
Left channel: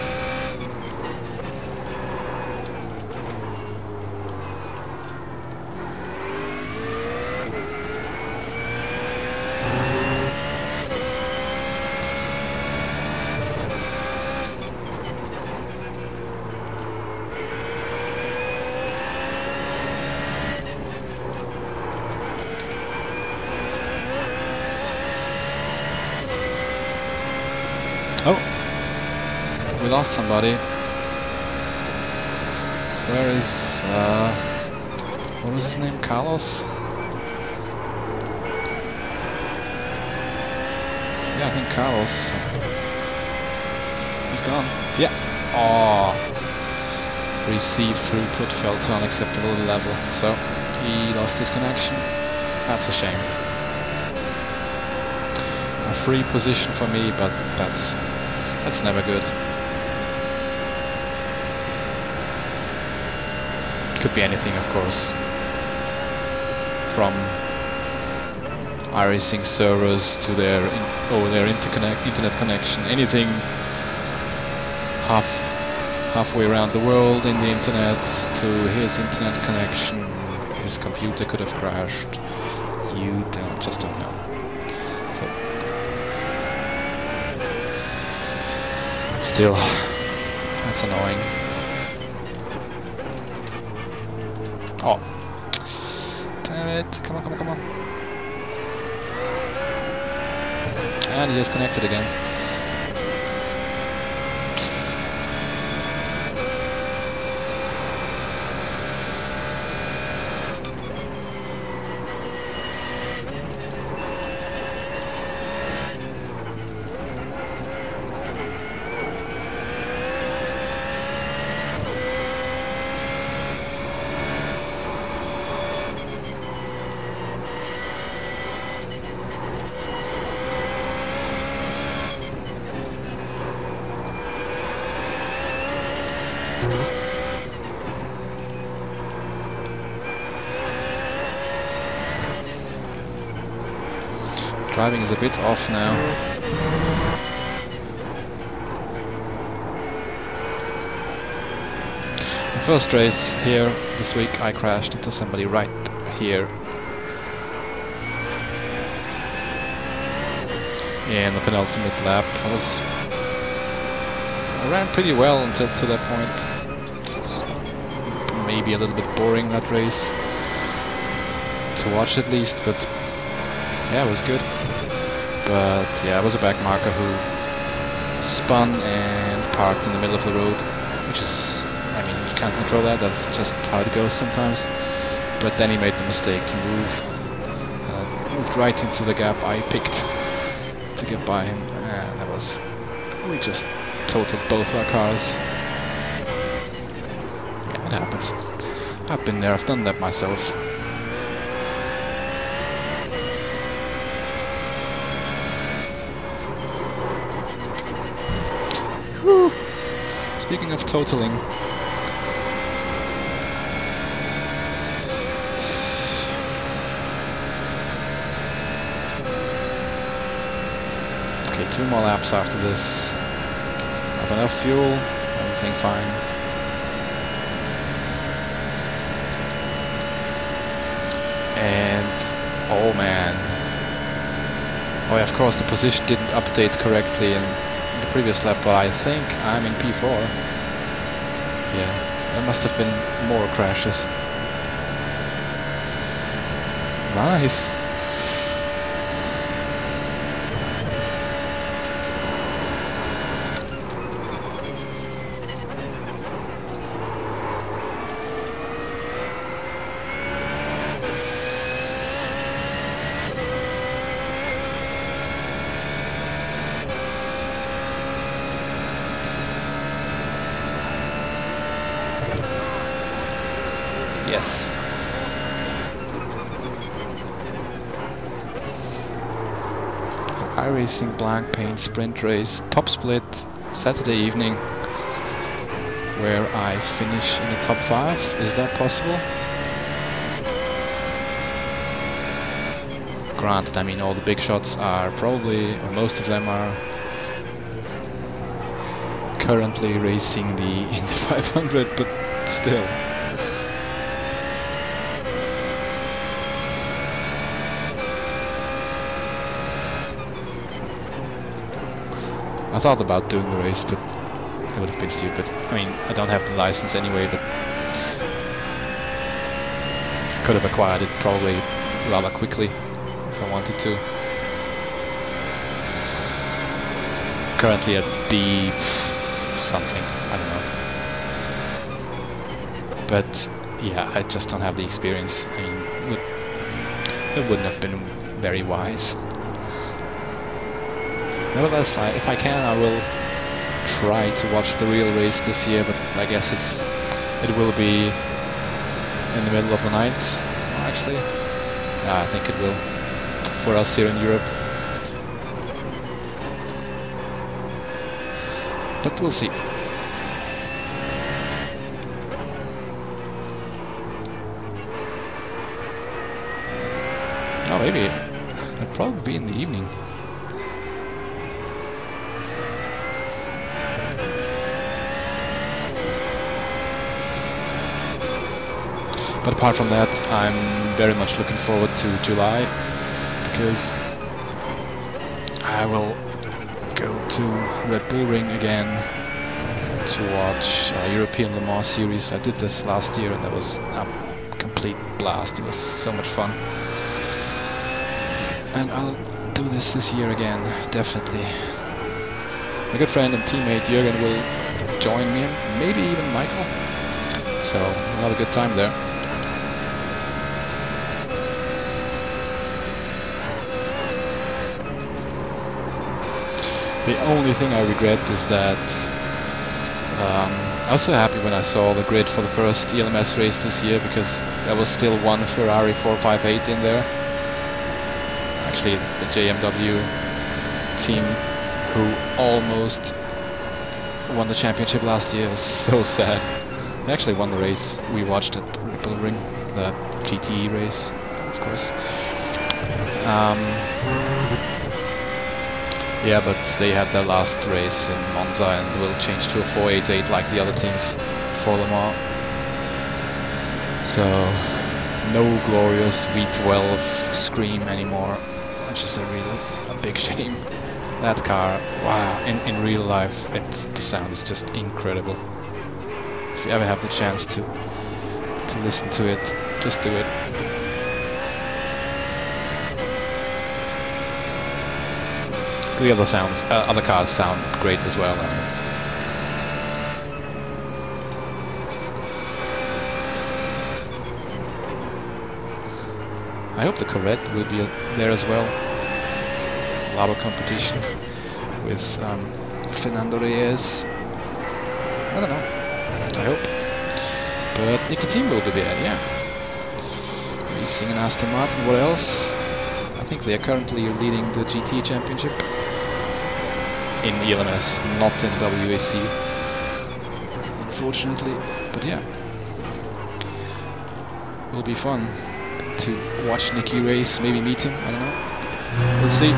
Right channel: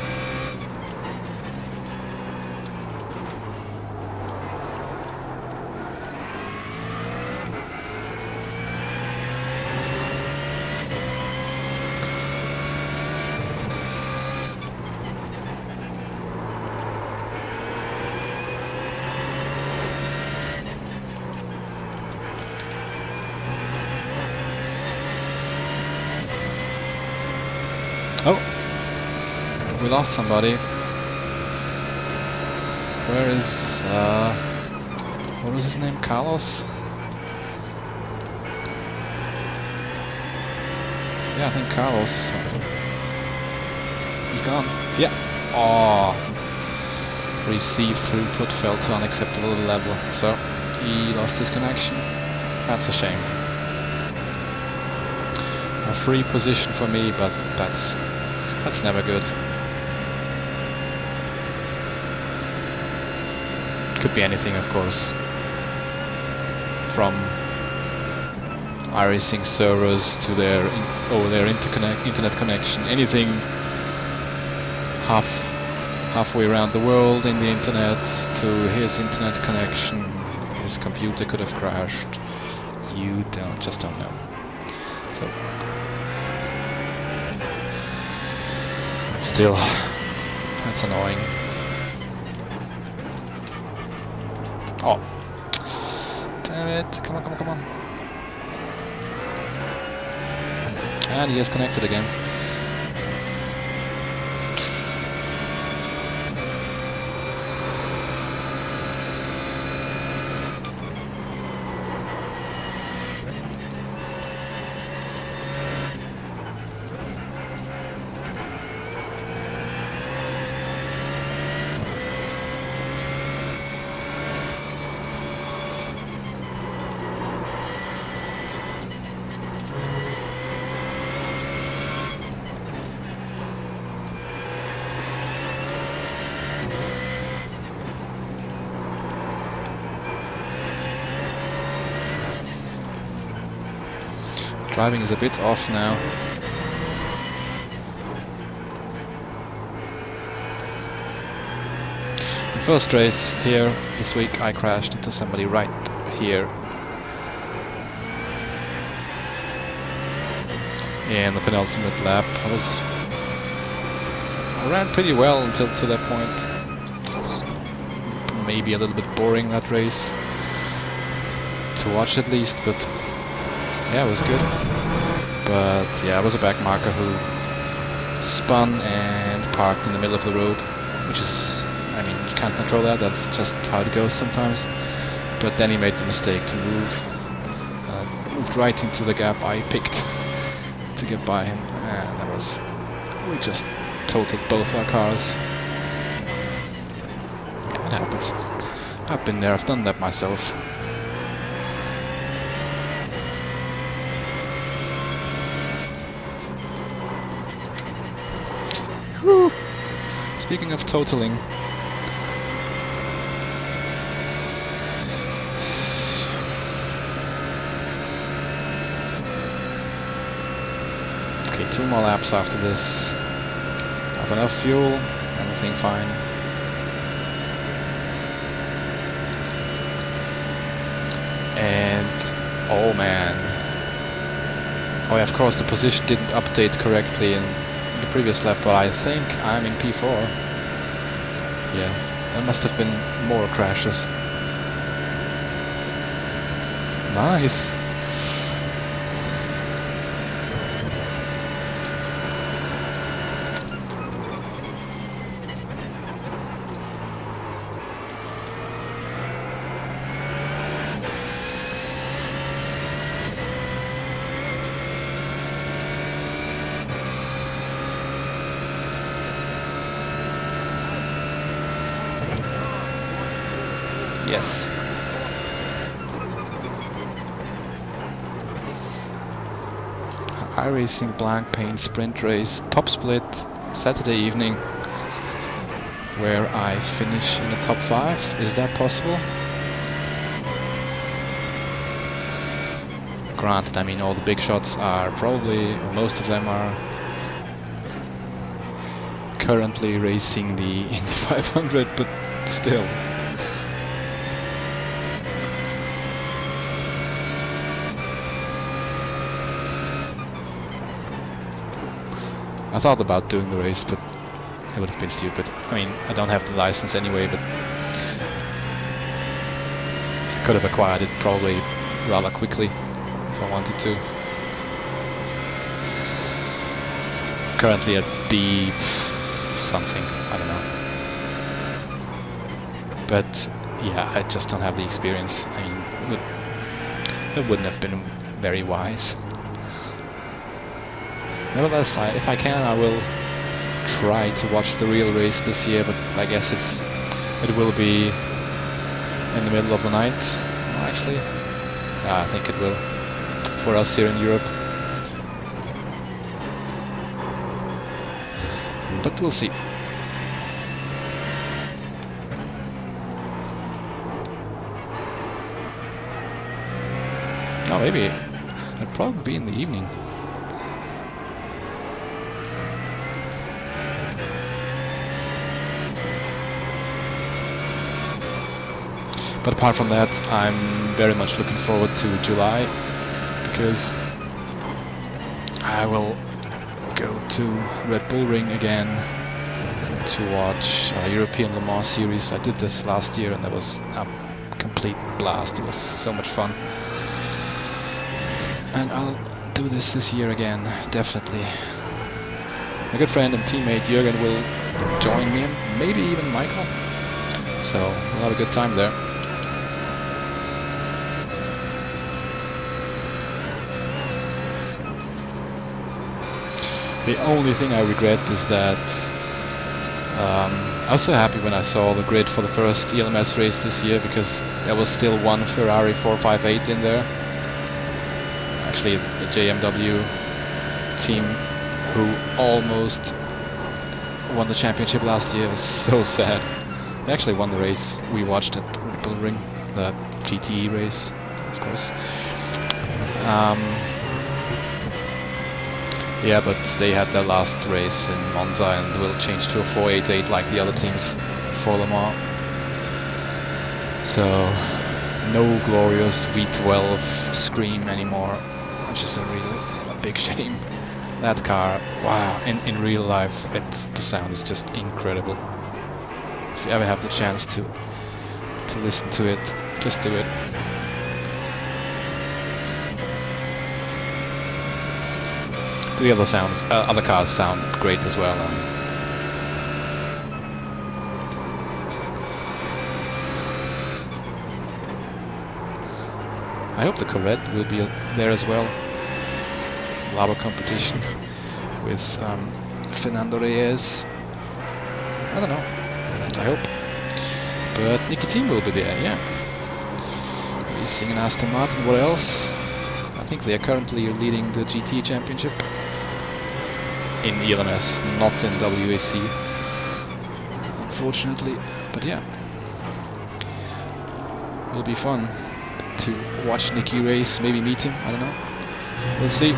Oh, we lost somebody. Where is, what was his name? Carlos? Yeah, I think Carlos. He's gone. Yeah. Oh, received throughput fell to unacceptable level, so he lost his connection. That's a shame. A free position for me, but that's never good. Could be anything, of course. From iRacing servers to their internet connection. Anything halfway around the world in the internet to his internet connection. His computer could have crashed. You just don't know. So. Still, that's annoying. Oh, damn it! Come on, come on, come on! And he is connected again. Driving is a bit off now. The first race here this week I crashed into somebody right here. In the penultimate lap. I ran pretty well until to that point. It was maybe a little bit boring, that race. To watch at least, but yeah, it was good. But yeah, I was a back marker who spun and parked in the middle of the road, which is, I mean, you can't control that, that's just how it goes sometimes. But then he made the mistake to move, moved right into the gap I picked to get by him, and that was, we just totaled both our cars. Yeah, it happens. I've been there, I've done that myself. Whew. Speaking of totaling, okay, 2 more laps after this. Have enough fuel, everything fine. And oh man, oh yeah, of course the position didn't update correctly in the previous lap, but I think I'm in P4. Yeah, there must have been more crashes. Nice. Yes. iRacing blank paint sprint race, top split, Saturday evening, where I finish in the top 5. Is that possible? Granted, I mean, all the big shots are probably, or most of them are currently racing the Indy 500, but still. I thought about doing the race, but it would have been stupid. I mean, I don't have the license anyway, but could have acquired it probably rather quickly if I wanted to. Currently at B something, I don't know. But yeah, I just don't have the experience. I mean, it wouldn't have been very wise. Nevertheless, if I can, I will try to watch the real race this year, but I guess it will be in the middle of the night. Well, actually, yeah, I think it will, for us here in Europe. But we'll see. Oh, maybe it'll probably be in the evening. But apart from that, I'm very much looking forward to July, because I will go to Red Bull Ring again to watch European Le Mans Series. I did this last year and that was a complete blast. It was so much fun. And I'll do this year again, definitely. My good friend and teammate Jürgen will join me, and maybe even Michael. So we'll have a good time there. The only thing I regret is that I was so happy when I saw the grid for the first ELMS race this year, because there was still one Ferrari 458 in there. Actually, the JMW team who almost won the championship last year. It was so sad. They actually won the race we watched at Red Bull Ring, the GTE race, of course. Yeah, but they had their last race in Monza and will change to a 488 like the other teams for Le Mans. So, no glorious V12 scream anymore, which is a big shame. That car, wow, in real life, the sound is just incredible. If you ever have the chance to listen to it, just do it. the other cars sound great as well. I mean, I hope the Corvette will be there as well. Lava competition with Fernando Reyes. I don't know. I hope. But Nicky Team will be there, yeah. Racing in Aston Martin. What else? I think they are currently leading the GT Championship in ELMS, not in WAC, unfortunately. But yeah, it'll be fun to watch Nicky race, maybe meet him, I don't know. We'll see.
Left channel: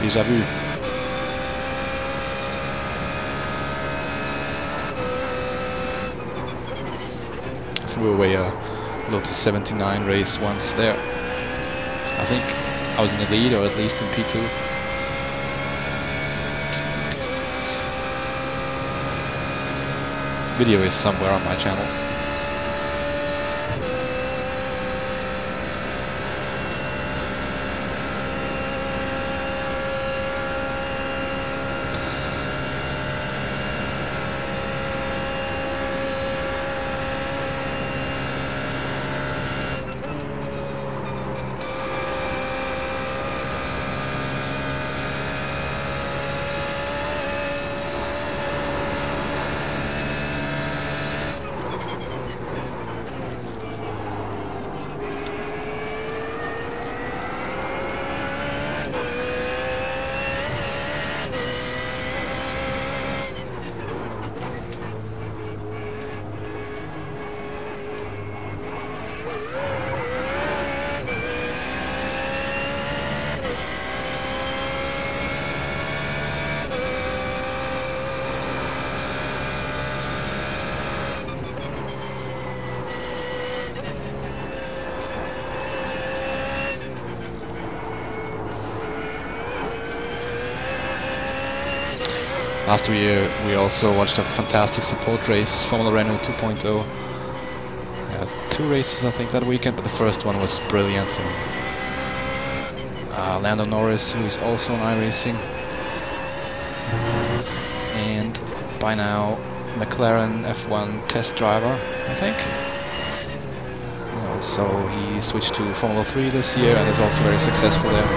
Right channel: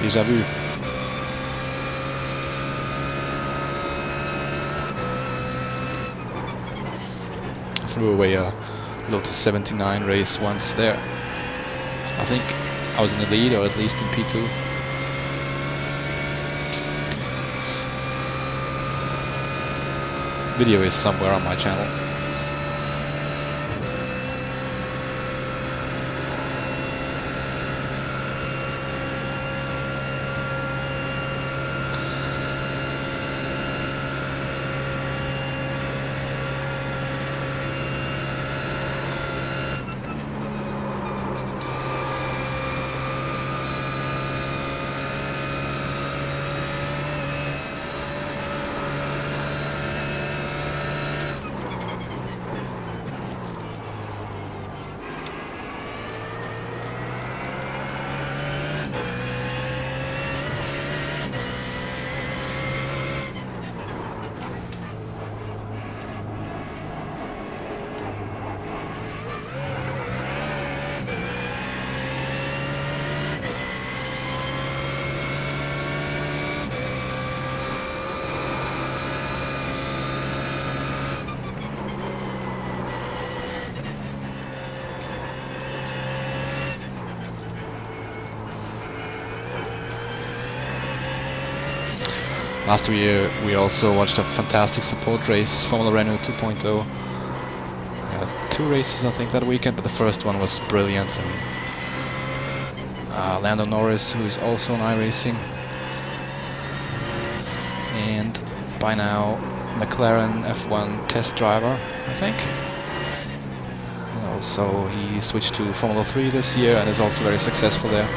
Déjà vu. Threw away a Lotus 79 race once there. I think I was in the lead, or at least in P2. Video is somewhere on my channel. Last year we also watched a fantastic support race, Formula Renault 2.0. Two races I think that weekend, but the first one was brilliant. And Lando Norris, who is also on iRacing, and by now McLaren F1 test driver, I think. And also he switched to Formula 3 this year and is also very successful there.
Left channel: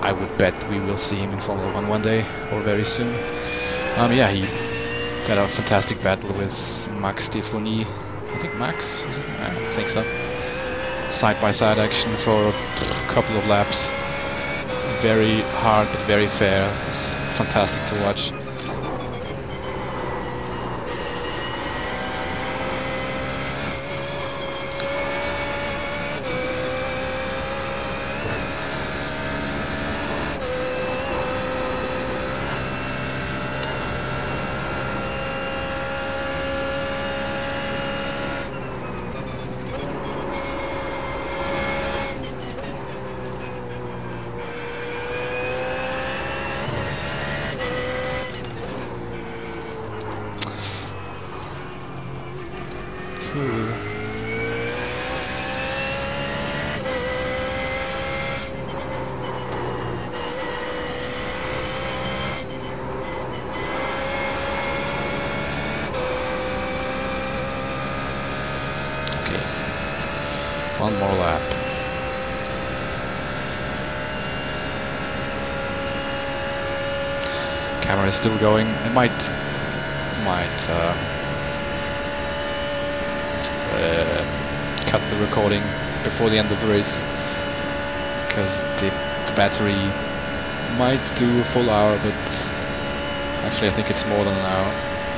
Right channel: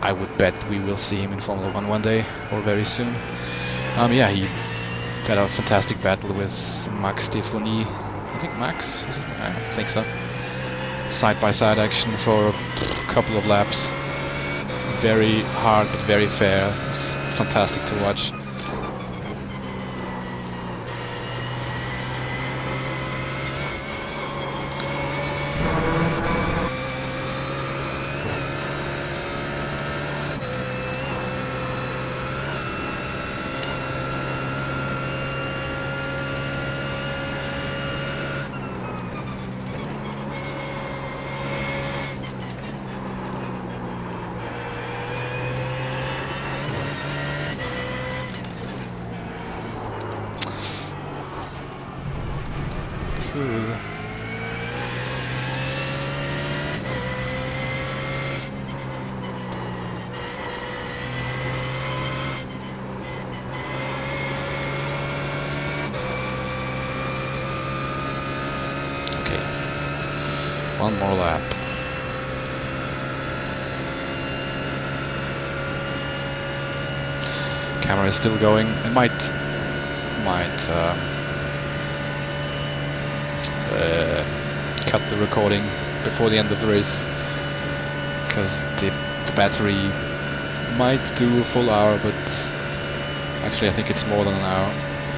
I would bet we will see him in Formula 1 one day, or very soon. Yeah, he had a fantastic battle with Max Stefani. I think Max, is his name? I don't think so. Side-by-side action for a couple of laps. Very hard, but very fair. It's fantastic to watch. Okay, one more lap. Camera is still going. It might cut the recording before the end of the race, because the battery might do a full hour, but actually I think it's more than an hour.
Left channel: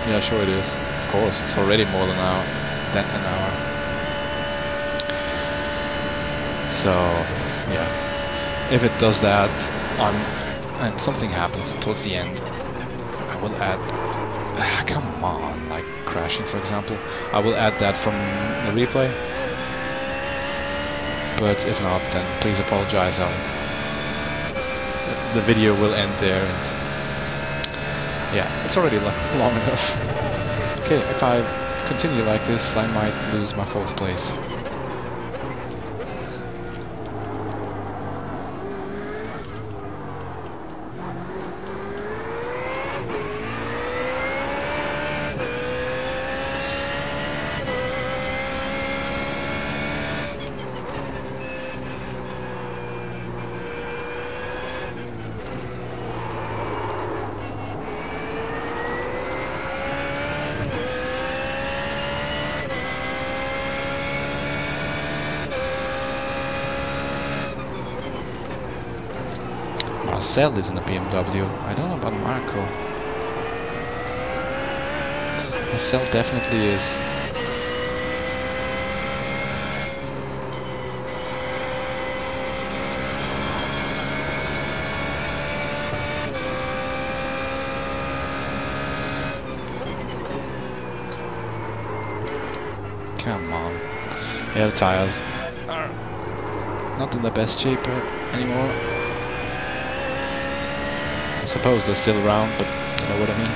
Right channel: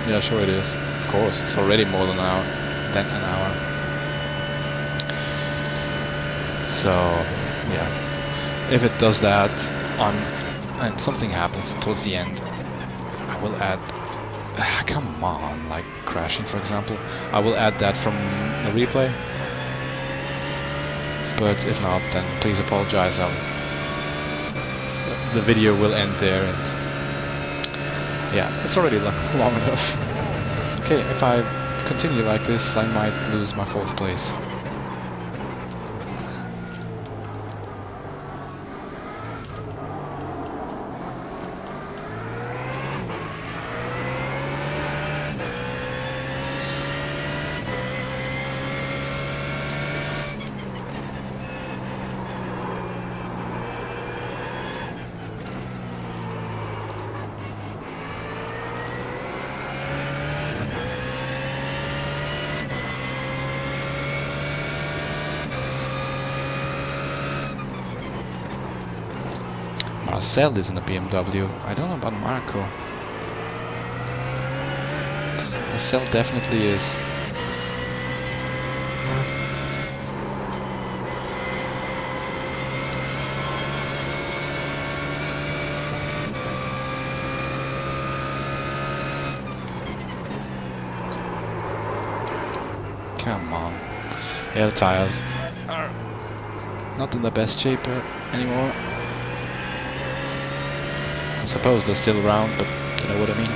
Yeah, sure it is. Of course, it's already more than an hour. So yeah, if it does that, and something happens towards the end, I will add. Come on, like crashing, for example. I will add that from the replay. but if not, then please apologize. The video will end there, and yeah, it's already long enough. Okay, if I continue like this, I might lose my 4th place. Marcel is in a BMW. I don't know about Marco. Marcel definitely is. Come on. Yeah, the tires are not in the best shape anymore. I suppose they're still around, but you know what I mean.